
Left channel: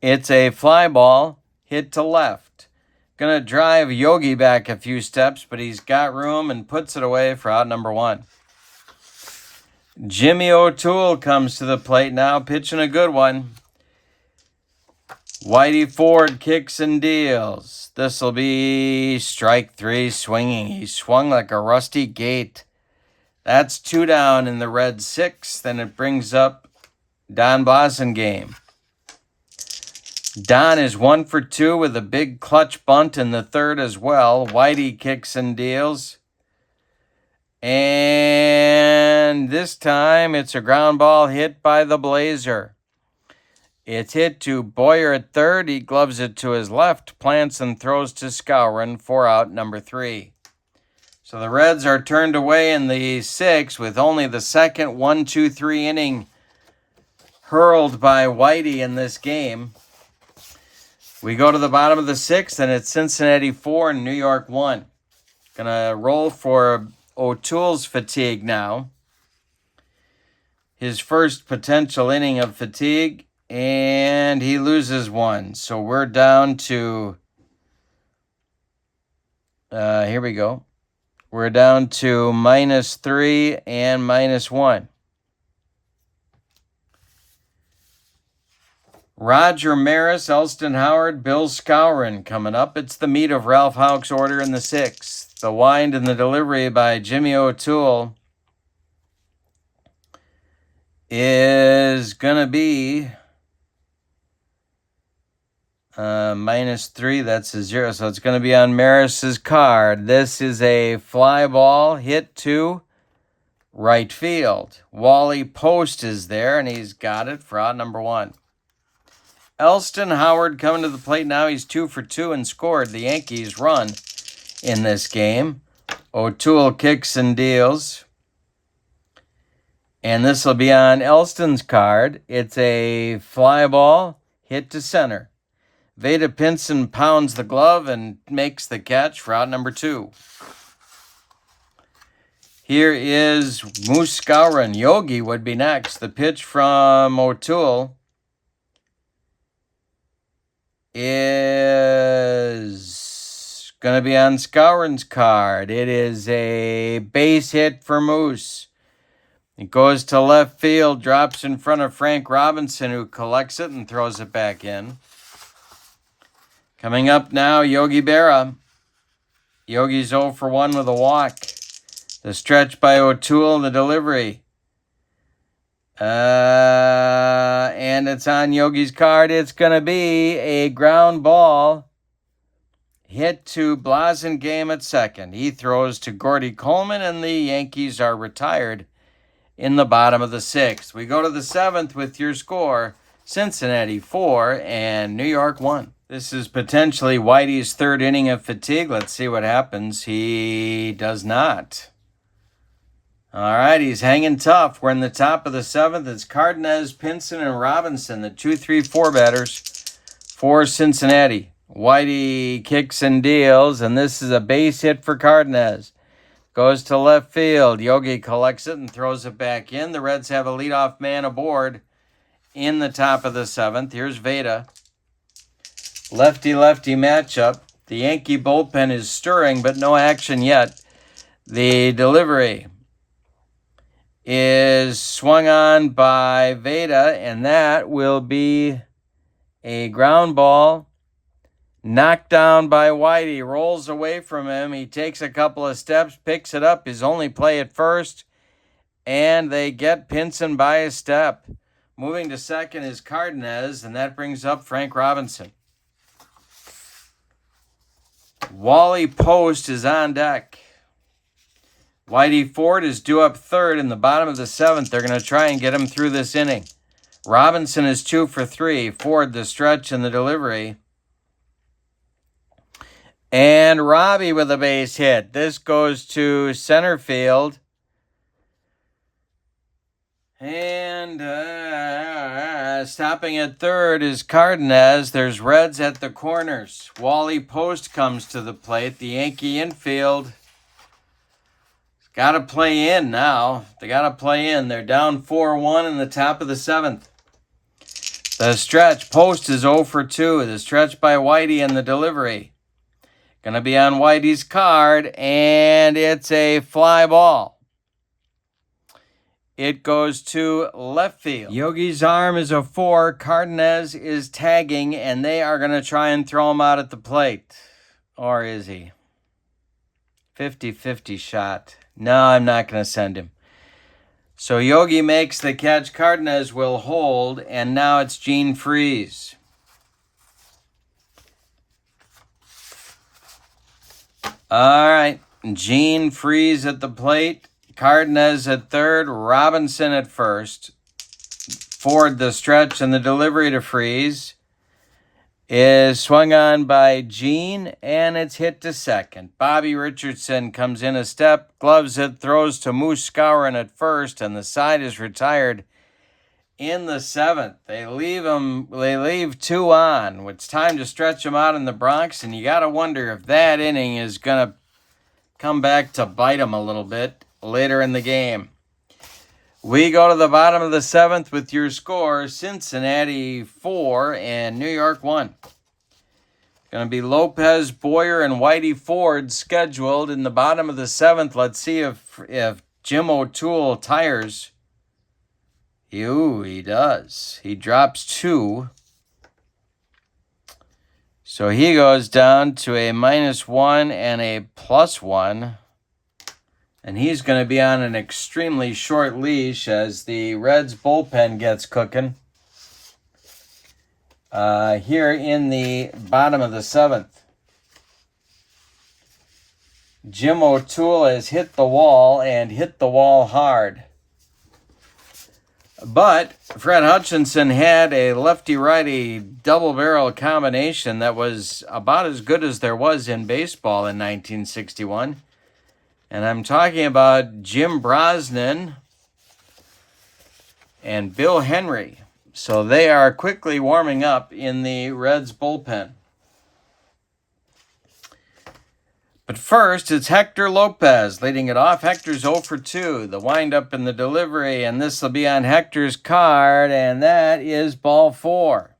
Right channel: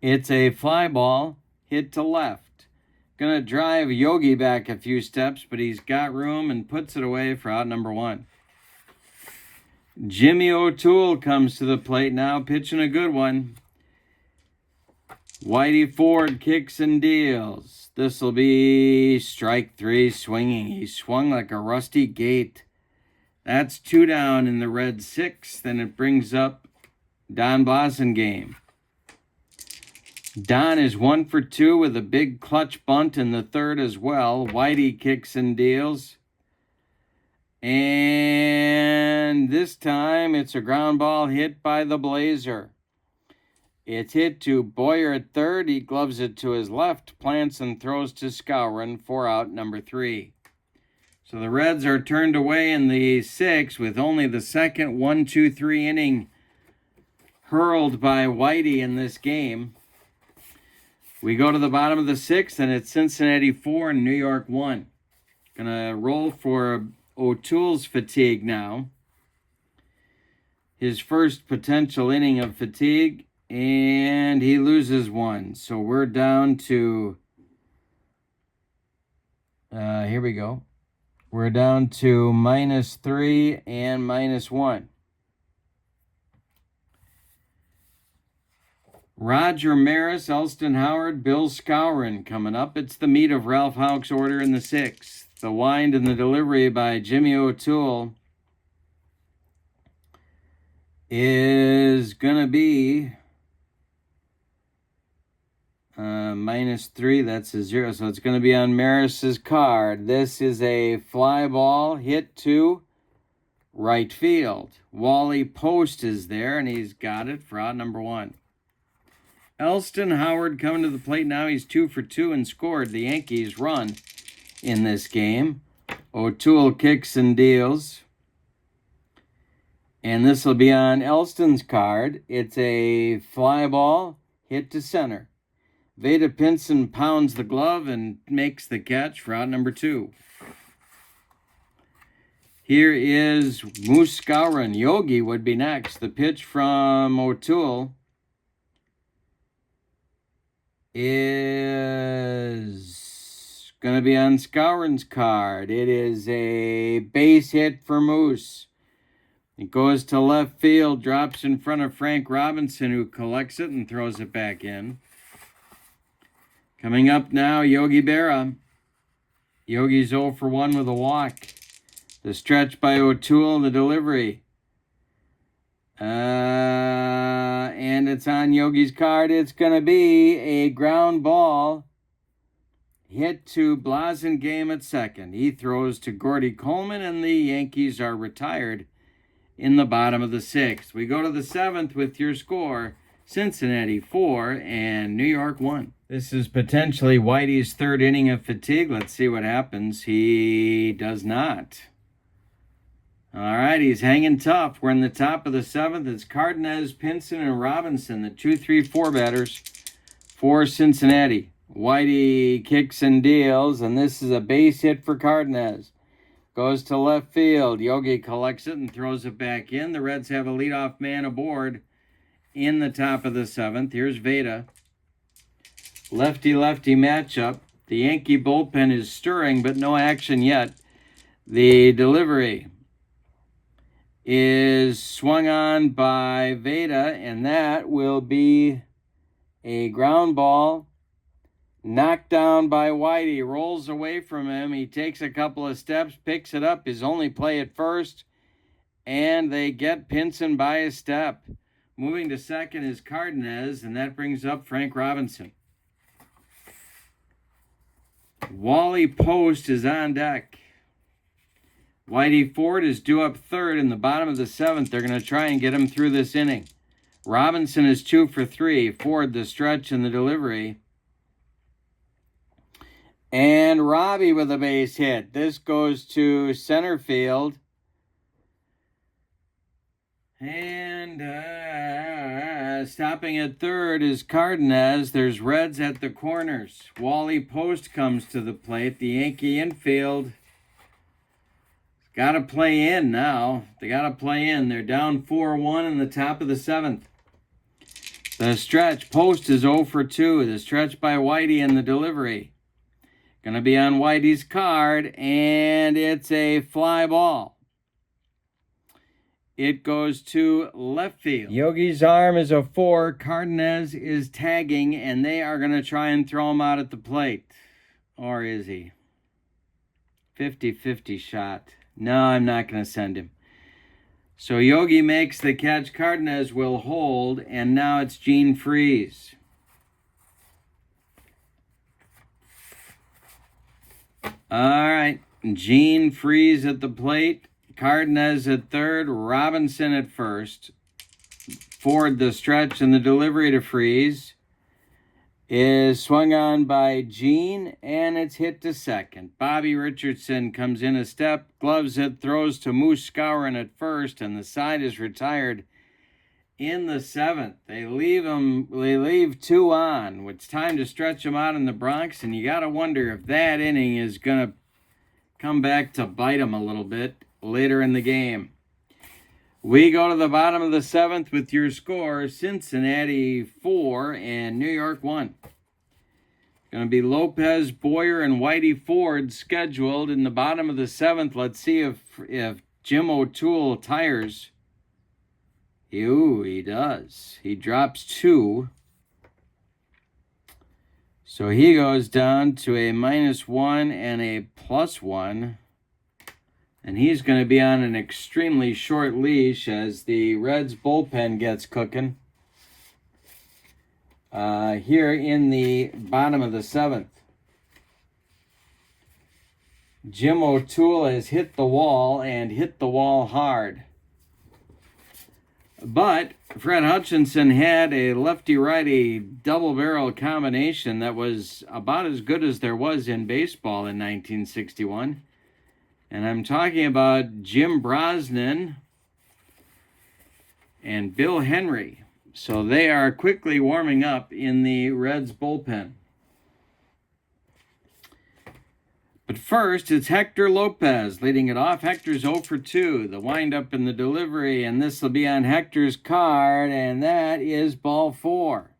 It's a fly ball hit to left. Gonna drive Yogi back a few steps, but he's got room and puts it away for out number 1. Jimmy O'Toole comes to the plate now, pitching a good one. Whitey Ford kicks and deals. This will be strike 3 swinging. He swung like a rusty gate. That's 2 down in the Red 6th, and it brings up Don Blasingame. Don is 1 for 2 with a big clutch bunt in the 3rd as well. Whitey kicks and deals. And this time it's a ground ball hit by the Blazer. It's hit to Boyer at 3rd. He gloves it to his left, plants and throws to Skowron for out number 3. So the Reds are turned away in the 6th with only the second 1-2-3 inning hurled by Whitey in this game. We go to the bottom of the 6th, and it's Cincinnati 4 and New York 1. Gonna roll for O'Toole's fatigue now. His first potential inning of fatigue, and he loses 1. So we're down to, here we go. We're down to -3 and -1. Roger Maris, Elston Howard, Bill Skowron coming up. It's the meat of Ralph Houck's order in the 6th. The wind and the delivery by Jimmy O'Toole is going to be -3. That's a 0. So it's going to be on Maris's card. This is a fly ball hit to right field. Wally Post is there, and he's got it for out number 1. Elston Howard coming to the plate now. He's 2 for 2 and scored. The Yankees run in this game. O'Toole kicks and deals. And this will be on Elston's card. It's a fly ball hit to center. Veda Pinson pounds the glove and makes the catch for out number 2. Here is Moose Skowron. Yogi would be next. The pitch from O'Toole is going to be on Skowron's card. It is a base hit for Moose. It goes to left field, drops in front of Frank Robinson, who collects it and throws it back in. Coming up now, Yogi Berra. Yogi's 0 for 1 with a walk. The stretch by O'Toole, the delivery. And it's on Yogi's card. It's going to be a ground ball hit to Blasingame at second. He throws to Gordy Coleman, and the Yankees are retired in the bottom of the 6th. We go to the 7th with your score, Cincinnati 4 and New York 1. This is potentially Whitey's 3rd inning of fatigue. Let's see what happens. He does not. All right, he's hanging tough. We're in the top of the 7th. It's Cardenas, Pinson, and Robinson, the 2-3-4 batters for Cincinnati. Whitey kicks and deals, and this is a base hit for Cardenas. Goes to left field. Yogi collects it and throws it back in. The Reds have a leadoff man aboard in the top of the 7th. Here's Veda. Lefty-lefty matchup. The Yankee bullpen is stirring, but no action yet. The delivery is swung on by Veda, and that will be a ground ball. Knocked down by Whitey, rolls away from him. He takes a couple of steps, picks it up, his only play at first, and they get Pinson by a step. Moving to second is Cardenas, and that brings up Frank Robinson. Wally Post is on deck. Whitey Ford is due up third in the bottom of the seventh. They're going to try and get him through this inning. Robinson is 2 for 3. Ford the stretch and the delivery. And Robbie with a base hit. This goes to center field. And stopping at third is Cardenas. There's Reds at the corners. Wally Post comes to the plate. The Yankee infield got to play in now. They got to play in. They're down 4-1 in the top of the seventh. The stretch. Post is 0 for 2. The stretch by Whitey and the delivery. Going to be on Whitey's card, and it's a fly ball. It goes to left field. Yogi's arm is a 4. Cardenas is tagging, and they are going to try and throw him out at the plate. Or is he? 50-50 shot. No, I'm not going to send him. So Yogi makes the catch. Cardenas will hold, and now it's Gene Freeze. All right, Gene Freeze at the plate. Cardenas at third. Robinson at first. Ford the stretch and the delivery to Freeze is swung on by Gene, and it's hit to second. Bobby Richardson comes in a step, gloves it, throws to Moose Scourin at first, and the side is retired in the seventh. They leave 2 on. It's time to stretch them out in the Bronx, and you got to wonder if that inning is going to come back to bite them a little bit later in the game. We go to the bottom of the seventh with your score: Cincinnati 4 and New York 1. Going to be Lopez, Boyer, and Whitey Ford scheduled in the bottom of the seventh. Let's see if Jim O'Toole tires. He does. He drops 2. So he goes down to a -1 and a +1. And he's going to be on an extremely short leash as the Reds bullpen gets cooking. Here in the bottom of the seventh. Jim O'Toole has hit the wall and hit the wall hard. But Fred Hutchinson had a lefty-righty double-barrel combination that was about as good as there was in baseball in 1961. And I'm talking about Jim Brosnan and Bill Henry. So they are quickly warming up in the Reds bullpen. But first, it's Hector Lopez leading it off. Hector's 0 for 2. The windup and the delivery, and this will be on Hector's card, and that is ball 4.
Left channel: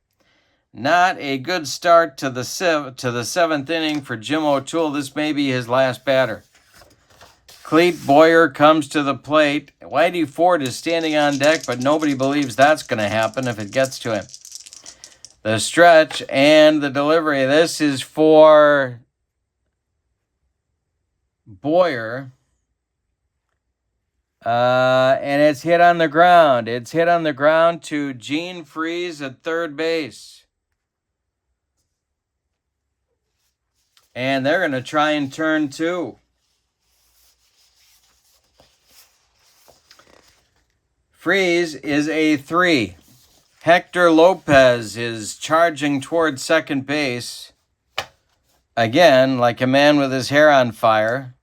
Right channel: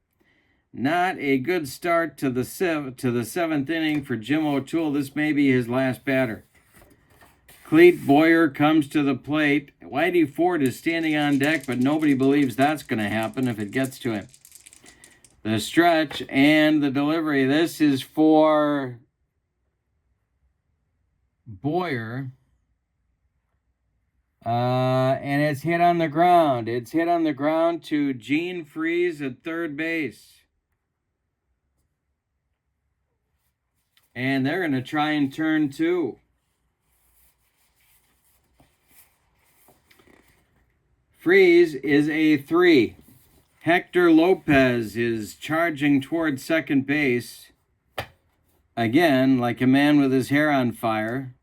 Not a good start to the seventh inning for Jim O'Toole. This may be his last batter. Clete Boyer comes to the plate. Whitey Ford is standing on deck, but nobody believes that's going to happen if it gets to him. The stretch and the delivery. This is for Boyer. And it's hit on the ground. It's hit on the ground to Gene Freeze at third base. And they're going to try and turn 2. Freeze is a 3. Hector Lopez is charging towards second base. Again, like a man with his hair on fire.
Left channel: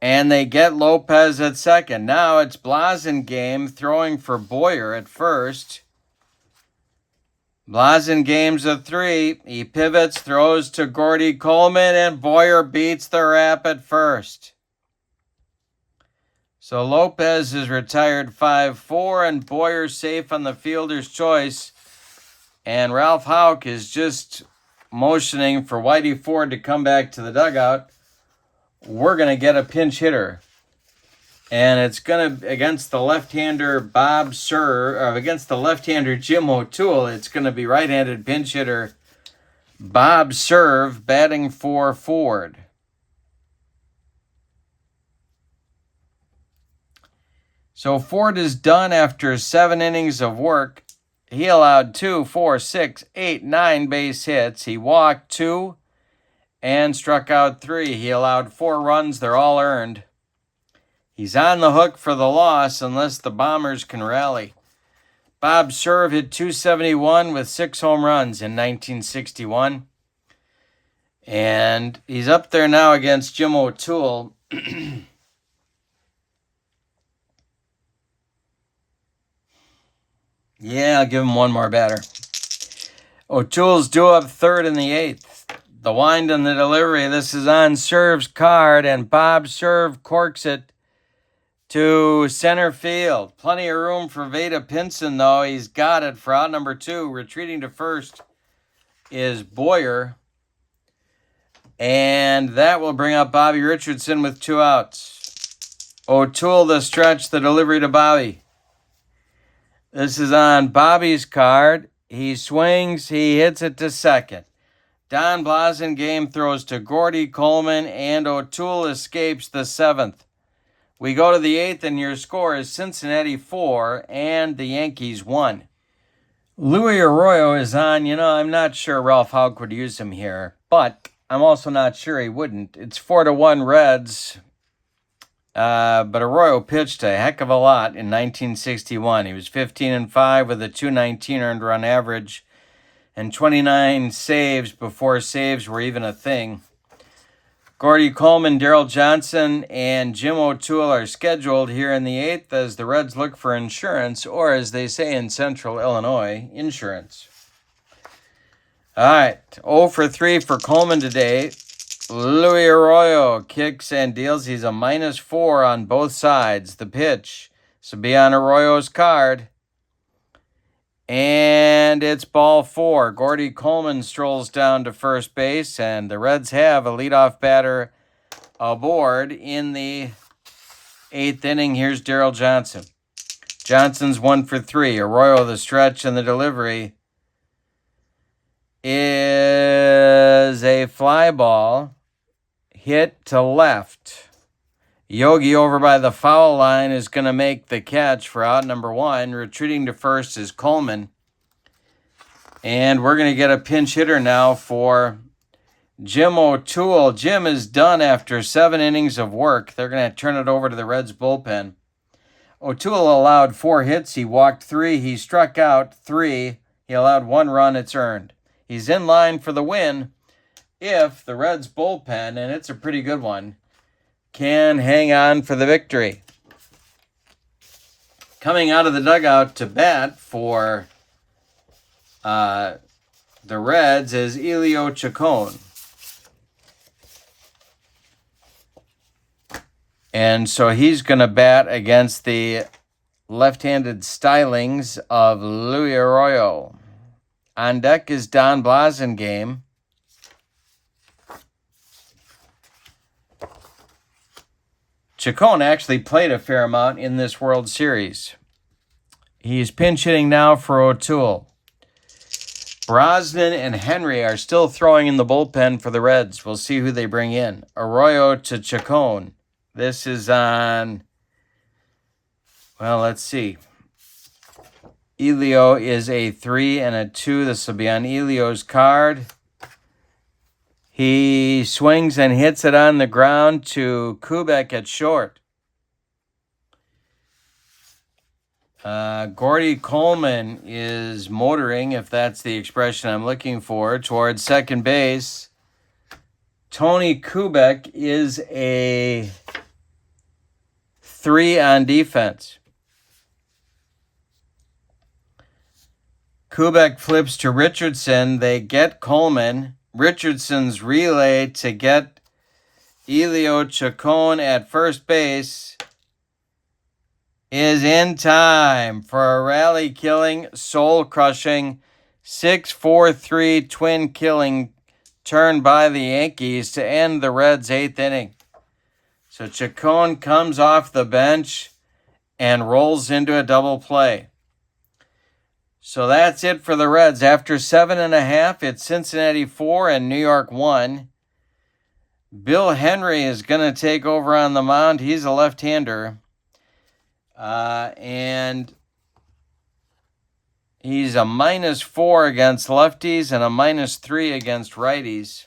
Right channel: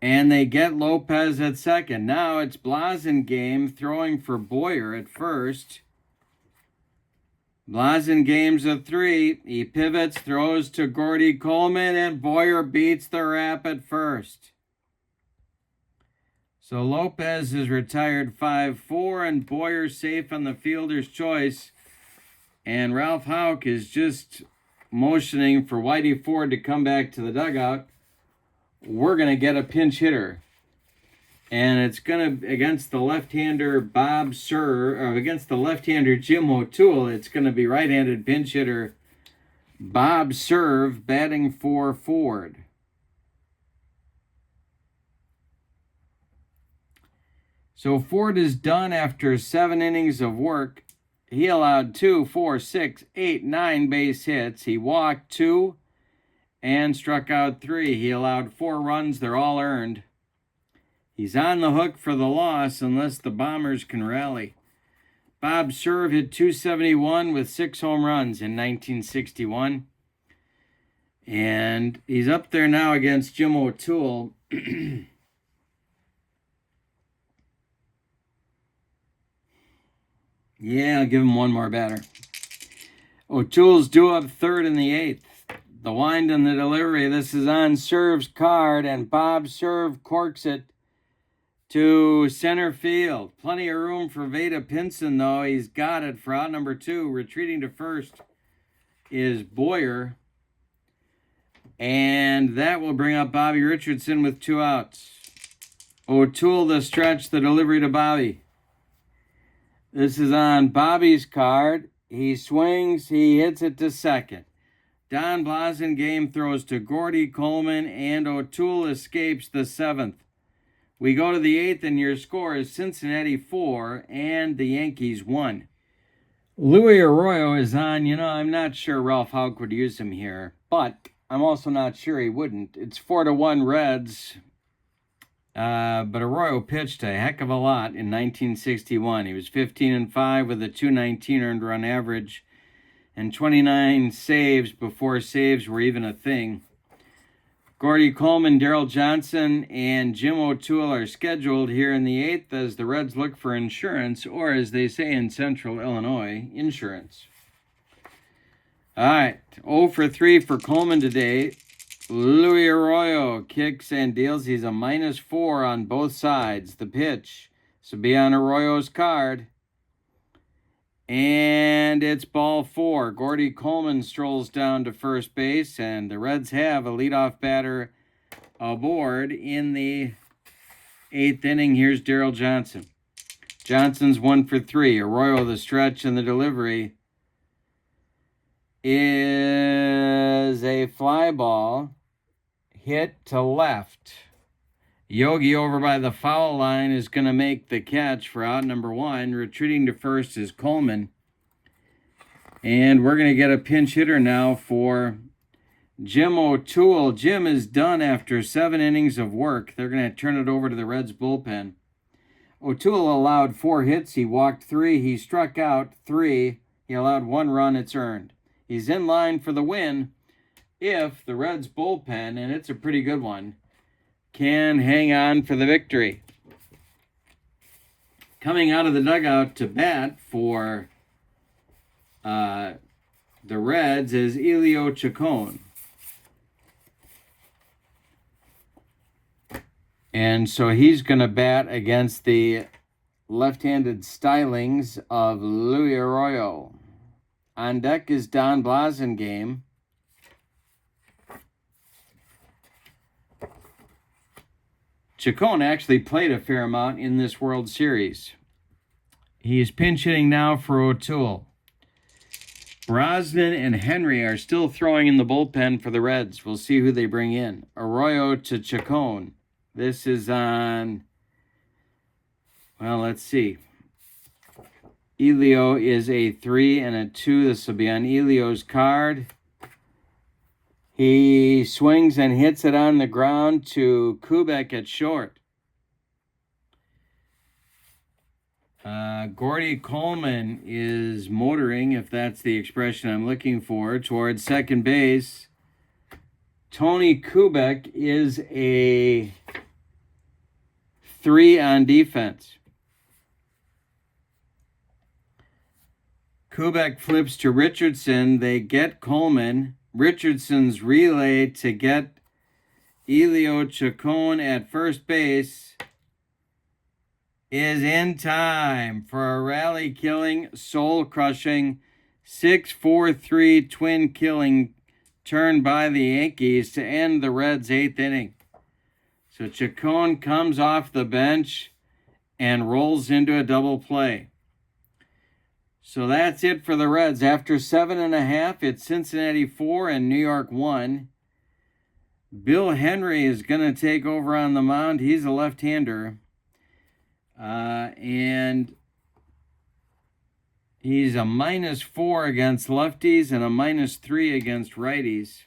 And they get Lopez at second. Now it's Blasingame throwing for Boyer at first. Blasingame's a 3. He pivots, throws to Gordy Coleman, and Boyer beats the rap at first. So Lopez is retired 5-4, and Boyer safe on the fielder's choice. And Ralph Houck is just motioning for Whitey Ford to come back to the dugout. we're going to get a pinch hitter. And it's going to, against the left-hander against the left-hander Jim O'Toole, it's going to be right-handed pinch hitter Bob Serve batting for Ford. So Ford is done after 7 innings of work. He allowed 2, 4, 6, 8, 9 base hits. He walked 2 and struck out 3. He allowed 4 runs. They're all earned. He's on the hook for the loss unless the Bombers can rally. Bob Serve hit .271 with 6 home runs in 1961. And he's up there now against Jim O'Toole. Yeah, I'll give him one more batter. O'Toole's due up third in the 8th. The wind and the delivery. This is on Serve's card, and Bob Serve corks it to center field. Plenty of room for Veda Pinson, though. He's got it for out number 2. Retreating to first is Boyer. And that will bring up Bobby Richardson with 2 outs. O'Toole, the stretch, the delivery to Bobby. This is on Bobby's card. He swings, he hits it to second. Don Blasingame throws to Gordy Coleman, and O'Toole escapes the 7th. We go to the 8th, and your score is Cincinnati 4 and the Yankees 1. Louis Arroyo is on. I'm not sure Ralph Houck would use him here, but I'm also not sure he wouldn't. It's 4-1 Reds, but Arroyo pitched a heck of a lot in 1961. He was 15-5 with a .219 earned run average and 29 saves before saves were even a thing. Gordy Coleman, Darrell Johnson, and Jim O'Toole are scheduled here in the 8th as the Reds look for insurance, or as they say in Central Illinois, insurance. All right, 0 for 3 for Coleman today. Louis Arroyo kicks and deals. He's a -4 on both sides. The pitch. So be on Arroyo's card. And it's ball 4. Gordy Coleman strolls down to first base, and the Reds have a leadoff batter aboard in the 8th inning. Here's Darrell Johnson. Johnson's 1 for 3. Arroyo, the stretch and the delivery is a fly ball hit to left. Yogi over by the foul line is going to make the catch for out number 1. Retreating to first is Coleman. And we're going to get a pinch hitter now for Jim O'Toole. Jim is done after 7 innings of work. They're going to turn it over to the Reds bullpen. O'Toole allowed 4 hits. He walked 3. He struck out 3. He allowed 1 run. It's earned. He's in line for the win if the Reds bullpen, and it's a pretty good one, can hang on for the victory. Coming out of the dugout to bat for the Reds is Elio Chacon. And so he's going to bat against the left-handed stylings of Louis Arroyo. On deck is Don Blasingame. Chacon actually played a fair amount in this World Series. He's pinch hitting now for O'Toole. Brosnan and Henry are still throwing in the bullpen for the Reds. We'll see who they bring in. Arroyo to Chacon. This is on, well, let's see. Elio is a 3 and a 2. This will be on Elio's card. He swings and hits it on the ground to Kubek at short. Gordy Coleman is motoring, if that's the expression I'm looking for, towards second base. Tony Kubek is a 3 on defense. Kubek flips to Richardson. They get Coleman. Richardson's relay to get Elio Chacon at first base is in time for a rally-killing, soul-crushing, 6-4-3 twin-killing turn by the Yankees to end the Reds' 8th inning. So Chacon comes off the bench and rolls into a double play. So that's it for the Reds. After 7.5, it's Cincinnati 4 and New York 1. Bill Henry is going to take over on the mound. He's a left-hander. And he's a -4 against lefties and a -3 against righties.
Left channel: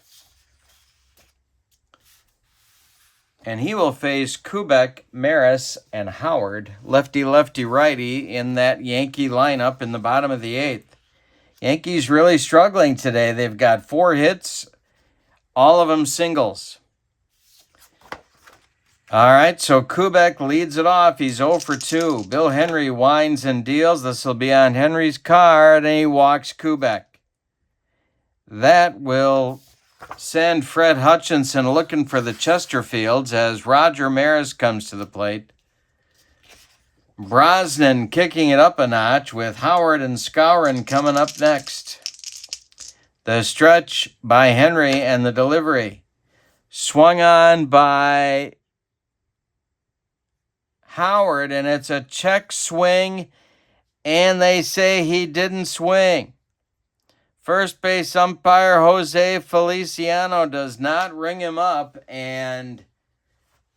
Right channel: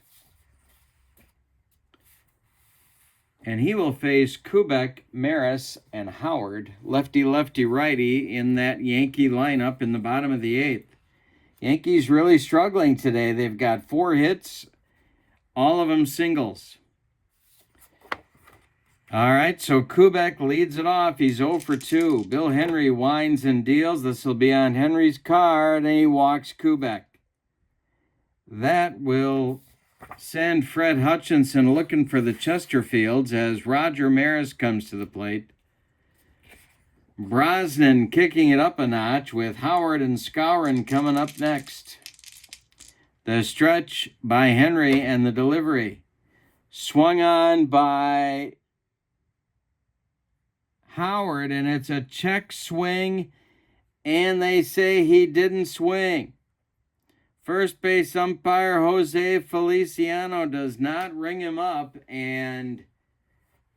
And he will face Kubek, Maris, and Howard, lefty-righty, in that Yankee lineup in the bottom of the 8th. Yankees really struggling today. They've got 4 hits, all of them singles. All right, so Kubek leads it off. He's 0 for 2. Bill Henry winds and deals. This will be on Henry's card, and he walks Kubek. That will send Fred Hutchinson looking for the Chesterfields as Roger Maris comes to the plate. Brosnan kicking it up a notch with Howard and Skowron coming up next. The stretch by Henry and the delivery. Swung on by Howard, and it's a check swing, and they say he didn't swing. First base umpire Jose Feliciano does not ring him up, and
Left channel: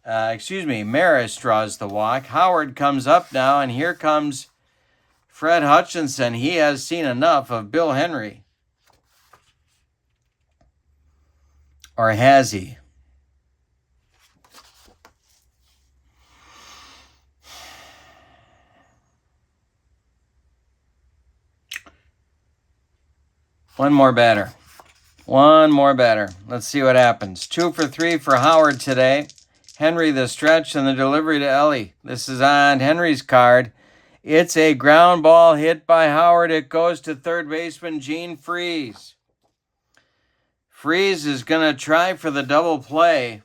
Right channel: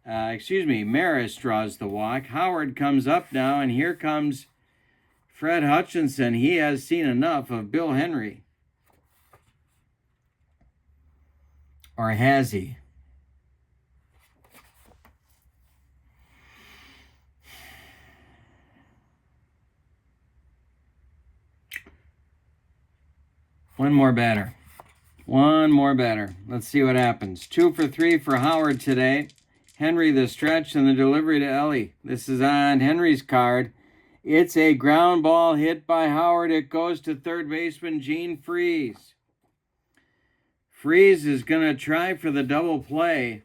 Maris draws the walk. Howard comes up now, and here comes Fred Hutchinson. He has seen enough of Bill Henry. Or has he? One more batter. Let's see what happens. 2 for 3 for Howard today. Henry the stretch and the delivery to Ellie. This is on Henry's card. It's a ground ball hit by Howard. It goes to third baseman Gene Freese. Freese is going to try for the double play.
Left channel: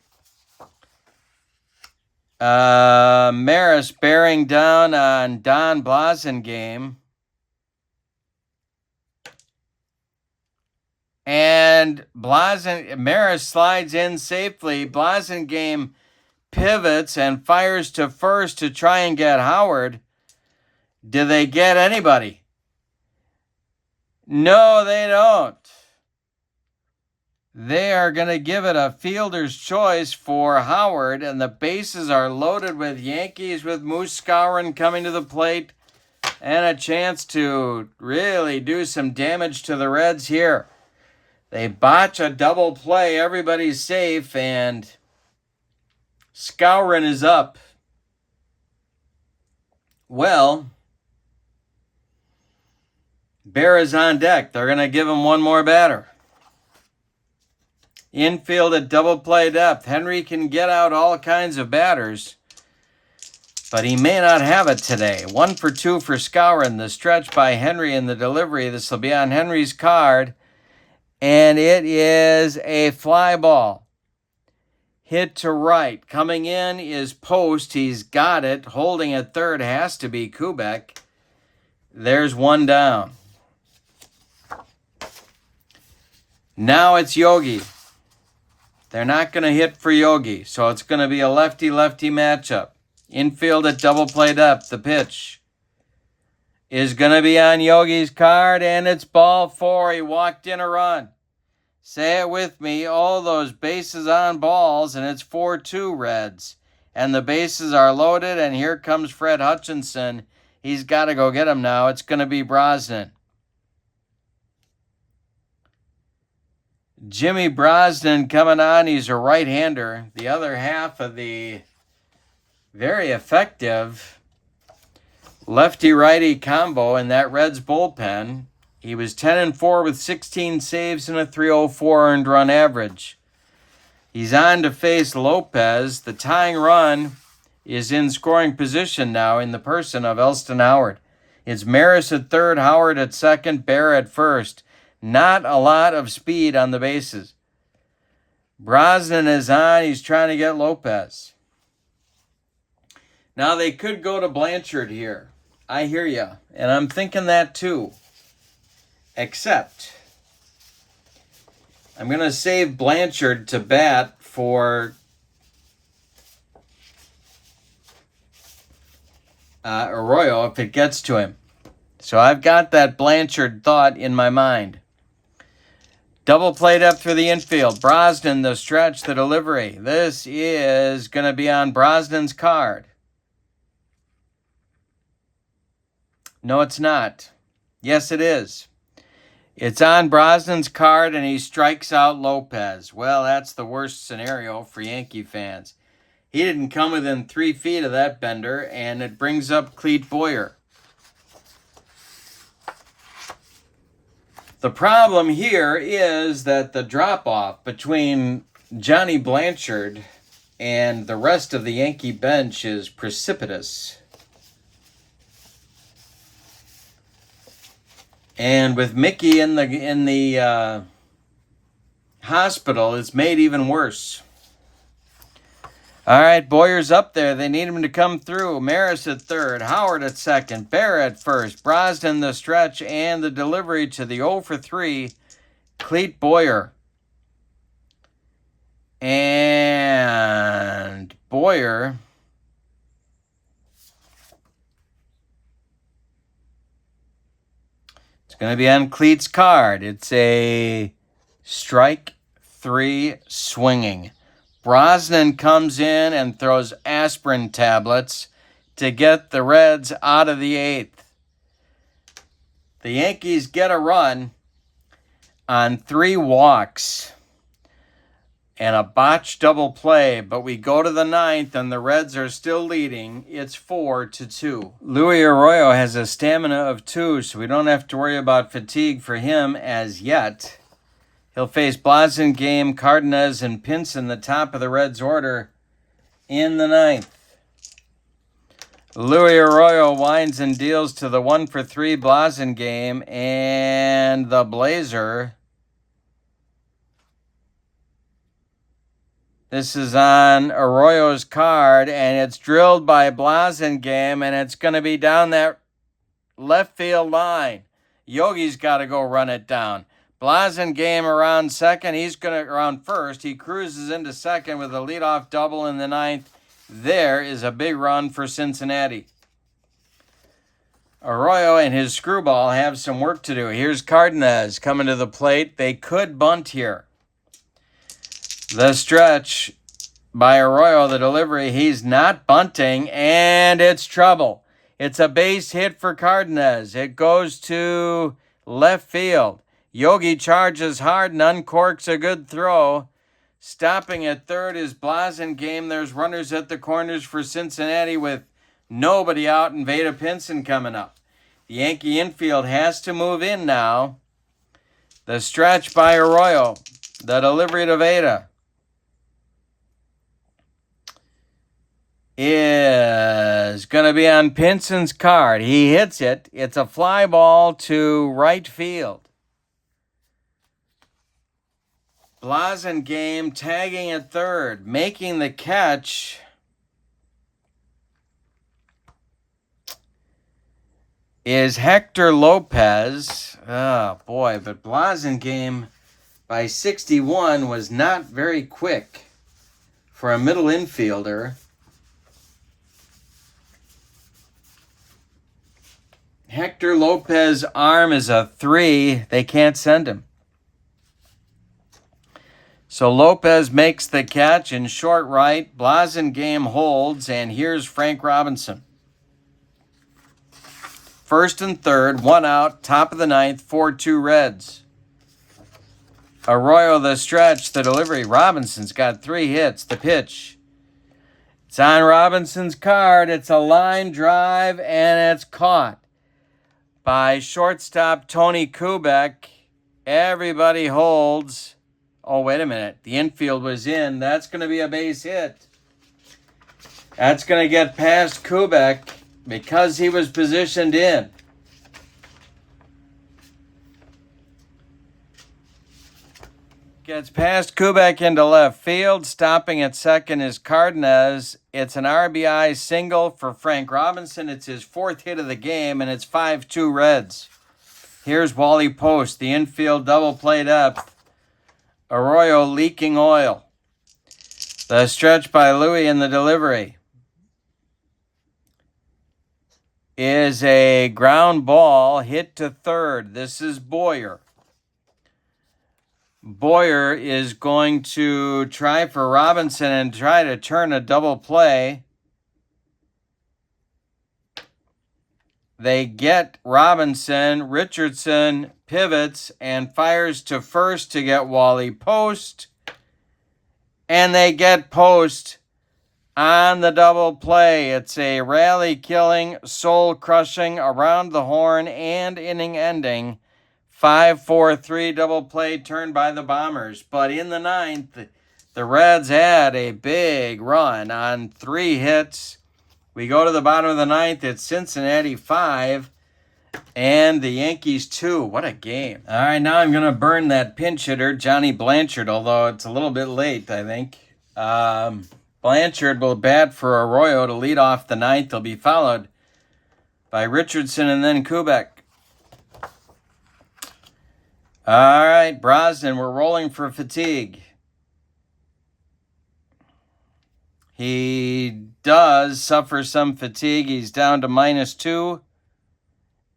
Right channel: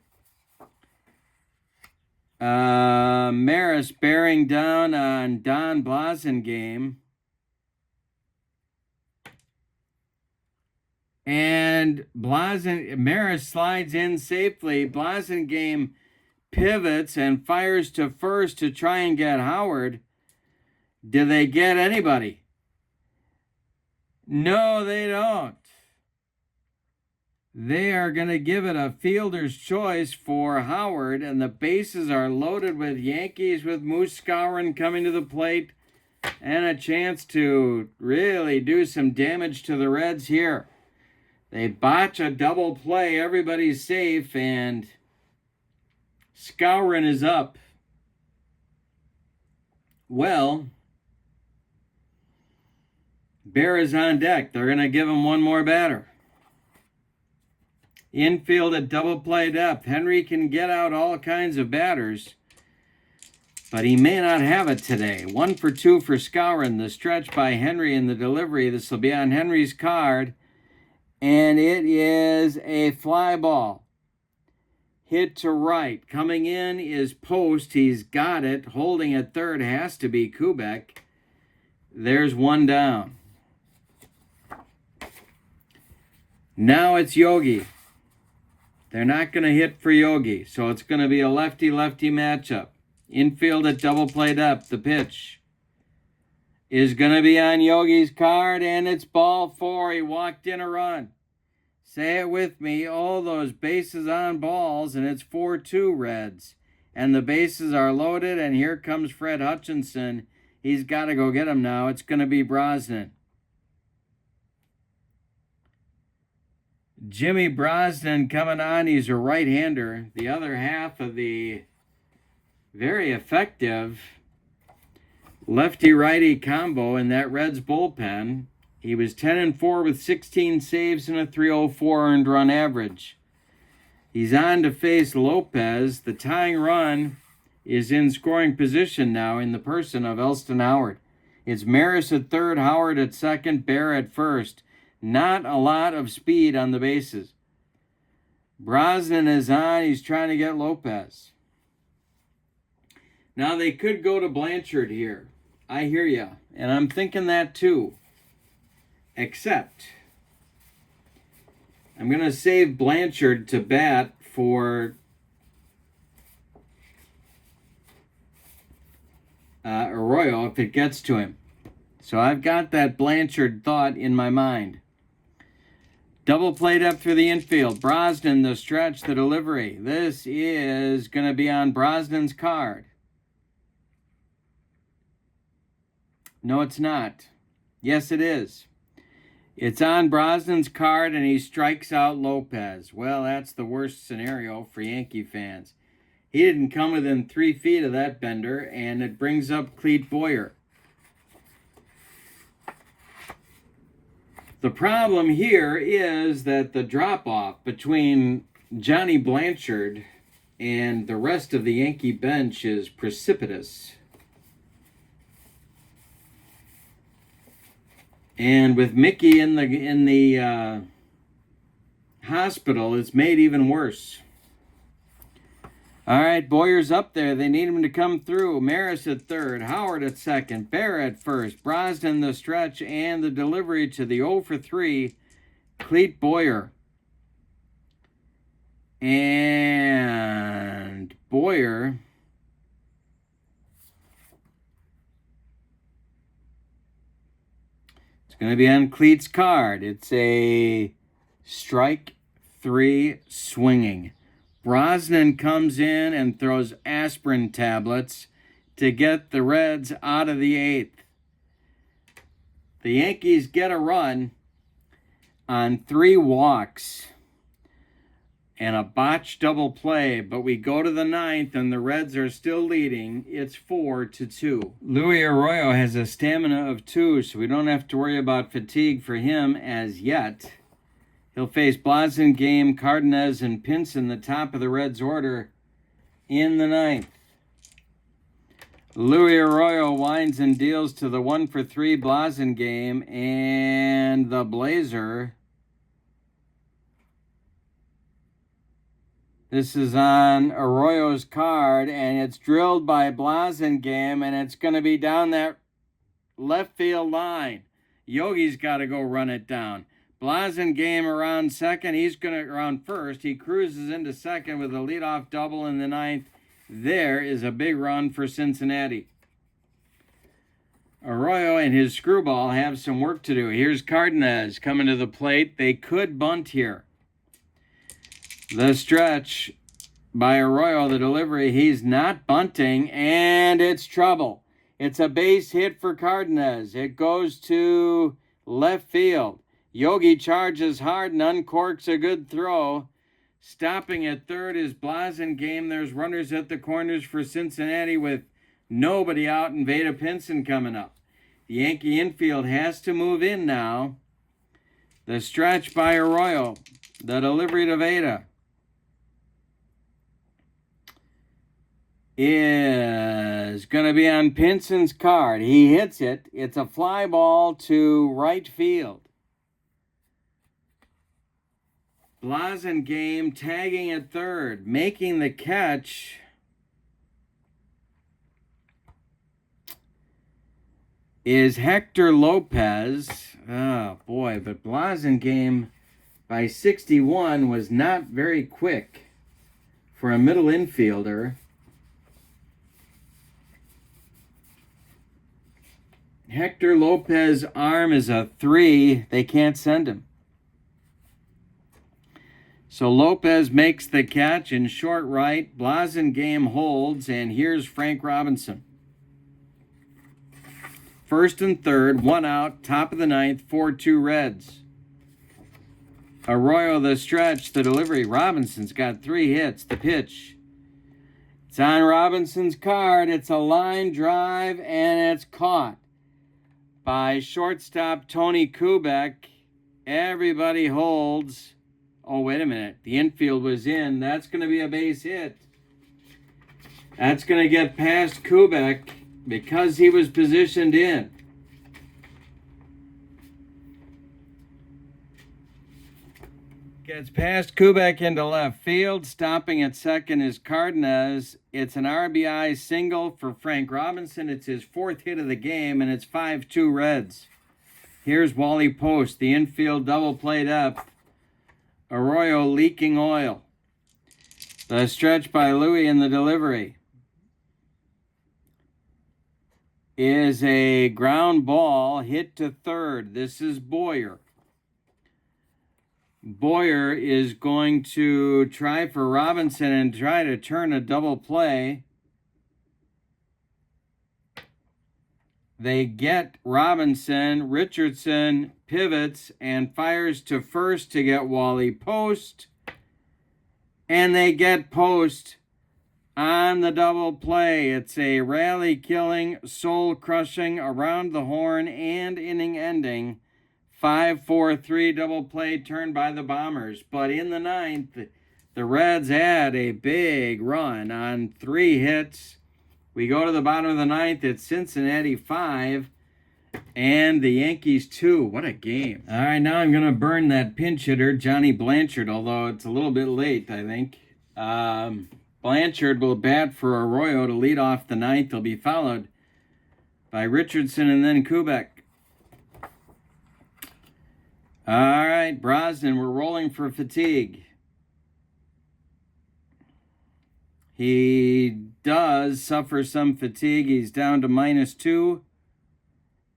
Maris bearing down on Don Blasingame. And Maris slides in safely. Blasingame pivots and fires to first to try and get Howard. Do they get anybody? No, they don't. They are going to give it a fielder's choice for Howard, and the bases are loaded with Yankees with Moose Skowron coming to the plate and a chance to really do some damage to the Reds here. They botch a double play. Everybody's safe, and Skowron is up. Well, Bear is on deck. They're going to give him one more batter. Infield at double play depth. Henry can get out all kinds of batters, but he may not have it today. 1 for 2 for Skowron. The stretch by Henry and the delivery. This will be on Henry's card. And it is a fly ball. Hit to right. Coming in is Post. He's got it. Holding at third has to be Kubek. There's one down. Now it's Yogi. They're not going to hit for Yogi, so it's going to be a lefty-lefty matchup. Infield at double play depth. The pitch is going to be on Yogi's card, and it's ball 4. He walked in a run. Say it with me. All those bases on balls, and it's 4-2 Reds. And the bases are loaded, and here comes Fred Hutchinson. He's got to go get him now. It's going to be Brosnan. Jimmy Brosnan coming on. He's a right-hander. The other half of the very effective lefty-righty combo in that Reds bullpen. He was 10-4 with 16 saves and a .304 earned run average. He's on to face Lopez. The tying run is in scoring position now in the person of Elston Howard. It's Maris at third, Howard at second, Bear at first. Not a lot of speed on the bases. Brosnan is on. He's trying to get Lopez. Now they could go to Blanchard here. I hear you, and I'm thinking that too. Except I'm going to save Blanchard to bat for Arroyo if it gets to him. So I've got that Blanchard thought in my mind. Double played up through the infield. Brosnan, the stretch, the delivery. This is going to be on Brosnan's card. No, it's not. Yes, it is. It's on Brosnan's card, and he strikes out Lopez. Well, that's the worst scenario for Yankee fans. He didn't come within 3 feet of that bender, and it brings up Clete Boyer. The problem here is that the drop-off between Johnny Blanchard and the rest of the Yankee bench is precipitous. And with Mickey in the hospital, it's made even worse. All right, Boyer's up there. They need him to come through. Maris at third, Howard at second, Bear at first, Brosnan the stretch, and the delivery to the 0 for 3, Clete Boyer. And Boyer it's going to be on Clete's card. It's a strike 3 swinging. Brosnan comes in and throws aspirin tablets to get the Reds out of the 8th. The Yankees get a run on 3 walks and a botched double play, but we go to the 9th and the Reds are still leading. It's 4-2. Luis Arroyo has a stamina of 2, so we don't have to worry about fatigue for him as yet. He'll face Blasingame, Cardenas, and Pinson, the top of the Reds' order, in the 9th. Luis Arroyo winds and deals to the 1 for 3 Blasingame, and the Blazer. This is on Arroyo's card, and it's drilled by Blasingame, and it's going to be down that left field line. Yogi's got to go run it down. Blasingame around second. He's going to around first. He cruises into second with a leadoff double in the 9th. There is a big run for Cincinnati. Arroyo and his screwball have some work to do. Here's Cardenas coming to the plate. They could bunt here. The stretch by Arroyo, the delivery. He's not bunting, and it's trouble. It's a base hit for Cardenas. It goes to left field. Yogi charges hard and uncorks a good throw. Stopping at third is Blasingame. There's runners at the corners for Cincinnati with nobody out and Vada Pinson coming up. The Yankee infield has to move in now. The stretch by Arroyo. The delivery to Vada is going to be on Pinson's card. He hits it. It's a fly ball to right field. Blasingame tagging at third, making the catch. Is Hector Lopez. Oh, boy, but Blasingame by 61 was not very quick for a middle infielder. Hector Lopez's arm is a 3. They can't send him. So Lopez makes the catch in short right. Blasingame holds, and here's Frank Robinson. First and third, 1 out, top of the 9th, 4-2 Reds. Arroyo the stretch, the delivery. Robinson's got 3 hits. The pitch. It's on Robinson's card. It's a line drive, and it's caught by shortstop Tony Kubek. Everybody holds. Oh, wait a minute. The infield was in. That's going to be a base hit. That's going to get past Kubek because he was positioned in. Gets past Kubek into left field. Stopping at second is Cardenas. It's an RBI single for Frank Robinson. It's his 4th hit of the game, and it's 5-2 Reds. Here's Wally Post. The infield double played up. Arroyo leaking oil. The stretch by Louis in the delivery. is a ground ball hit to third. This is Boyer. Boyer is going to try for Robinson and try to turn a double play. They get Robinson. Richardson pivots and fires to first to get Wally Post. And they get Post on the double play. It's a rally-killing, soul-crushing, around the horn and inning-ending 5-4-3 double play turned by the Bombers. But in the ninth, the Reds had a big run on 3 hits. We go to the bottom of the ninth. It's Cincinnati 5 and the Yankees 2. What a game. All right, now I'm going to burn that pinch hitter, Johnny Blanchard, although it's a little bit late, I think. Blanchard will bat for Arroyo to lead off the ninth. He'll be followed by Richardson and then Kubek. All right, Brosnan, we're rolling for fatigue. He does suffer some fatigue. He's down to -2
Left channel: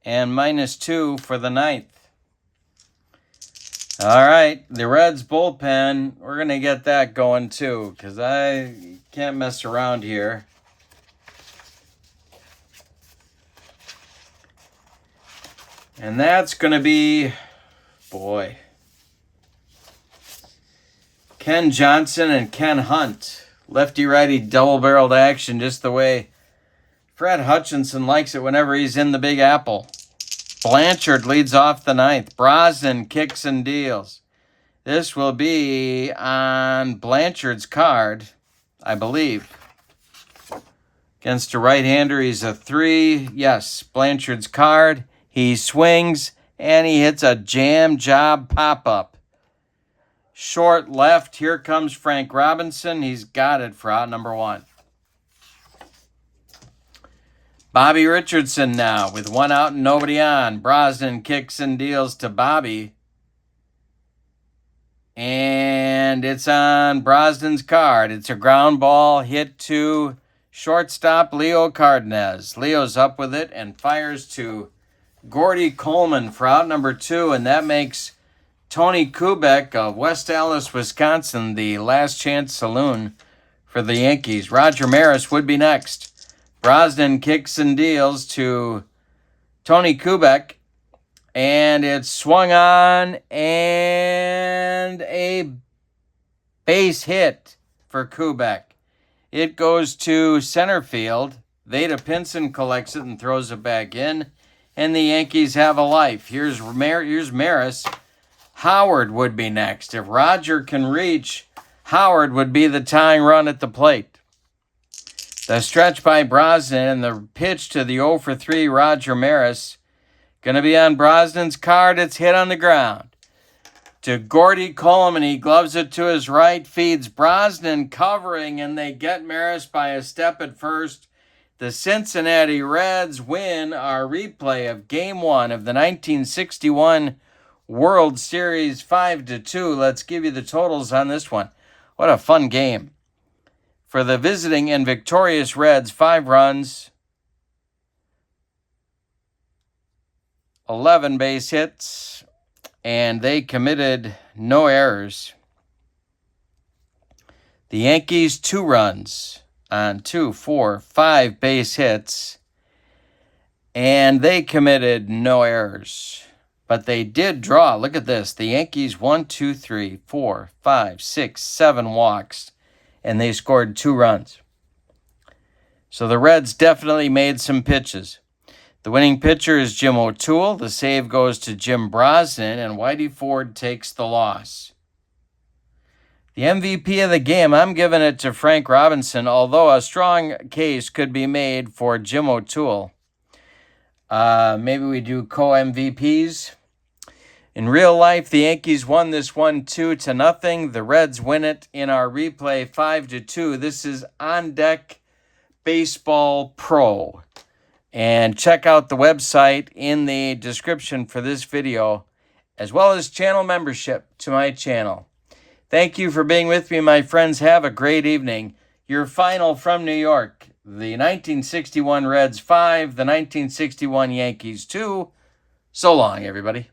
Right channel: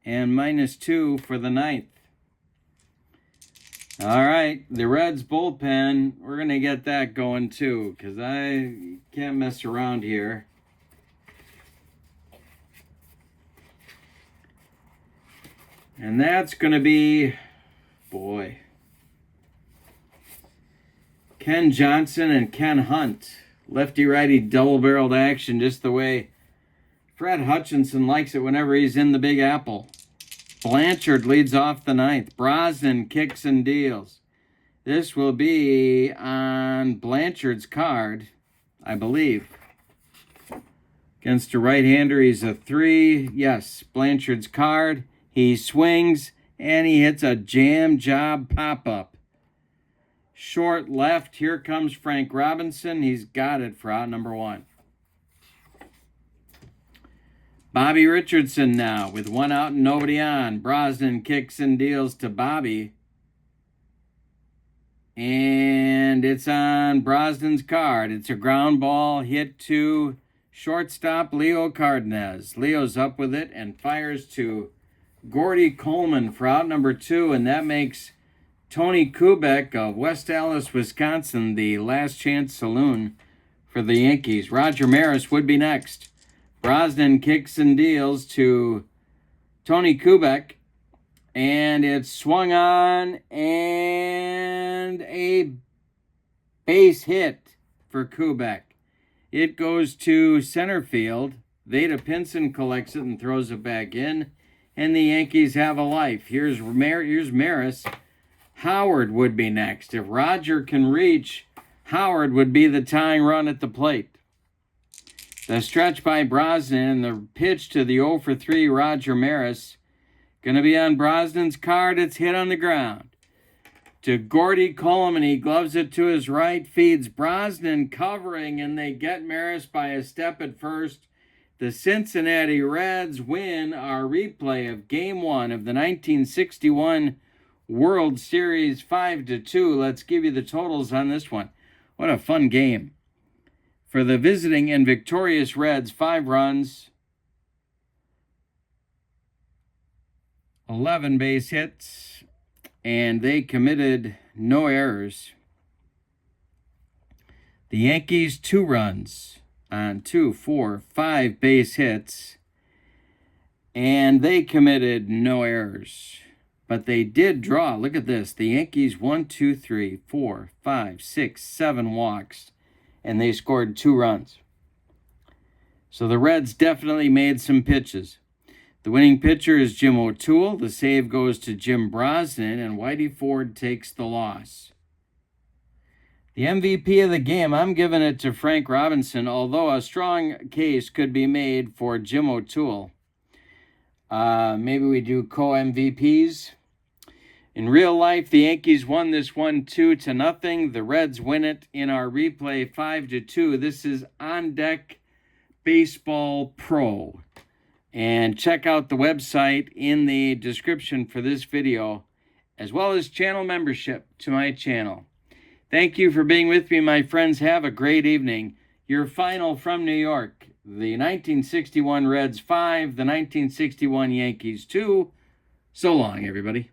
and -2 for the ninth. All right, the Reds bullpen, we're going to get that going too because I can't mess around here. And that's going to be, boy, Ken Johnson and Ken Hunt. Lefty-righty double-barreled action, just the way Fred Hutchinson likes it whenever he's in the Big Apple. Blanchard leads off the ninth. Brosnan kicks and deals. This will be on Blanchard's card, I believe. Against a right-hander, he's a 3. Yes, Blanchard's card. He swings, and he hits a jam job pop-up. Short left. Here comes Frank Robinson. He's got it for out number 1. Bobby Richardson now with 1 out and nobody on. Brosnan kicks and deals to Bobby. And it's on Brosnan's card. It's a ground ball hit to shortstop Leo Cardenas. Leo's up with it and fires to Gordy Coleman for out number 2. And that makes Tony Kubek of West Allis, Wisconsin, the last chance saloon for the Yankees. Roger Maris would be next. Brosnan kicks and deals to Tony Kubek, and it's swung on and a base hit for Kubek. It goes to center field. Vada Pinson collects it and throws it back in, and the Yankees have a life. Here's Maris. Howard would be next. If Roger can reach, Howard would be the tying run at the plate. The stretch by Brosnan and the pitch to the 0-for-3 Roger Maris. Going to be on Brosnan's card. It's hit on the ground. To Gordy Coleman. He gloves it to his right. Feeds Brosnan covering. And they get Maris by a step at first. The Cincinnati Reds win our replay of Game 1 of the 1961 World Series 5-2. Let's give you the totals on this one. What a fun game. For the visiting and victorious Reds, 5 runs, 11 base hits, and they committed no errors. The Yankees, 2 runs on 2, 4, 5 base hits, and they committed no errors. But they did draw. Look at this. The Yankees, 1, 2, 3, 4, 5, 6, 7 walks. And they scored 2 runs. So the Reds definitely made some pitches. The winning pitcher is Jim O'Toole. The save goes to Jim Brosnan, and Whitey Ford takes the loss. The MVP of the game, I'm giving it to Frank Robinson, although a strong case could be made for Jim O'Toole. Maybe we do co-MVPs. In real life, the Yankees won this one 2-0. The Reds win it in our replay 5-2. This is On Deck Baseball Pro. And check out the website in the description for this video, as well as channel membership to my channel. Thank you for being with me, my friends. Have a great evening. Your final from New York. the 1961 Reds 5, the 1961 Yankees 2. So long, everybody.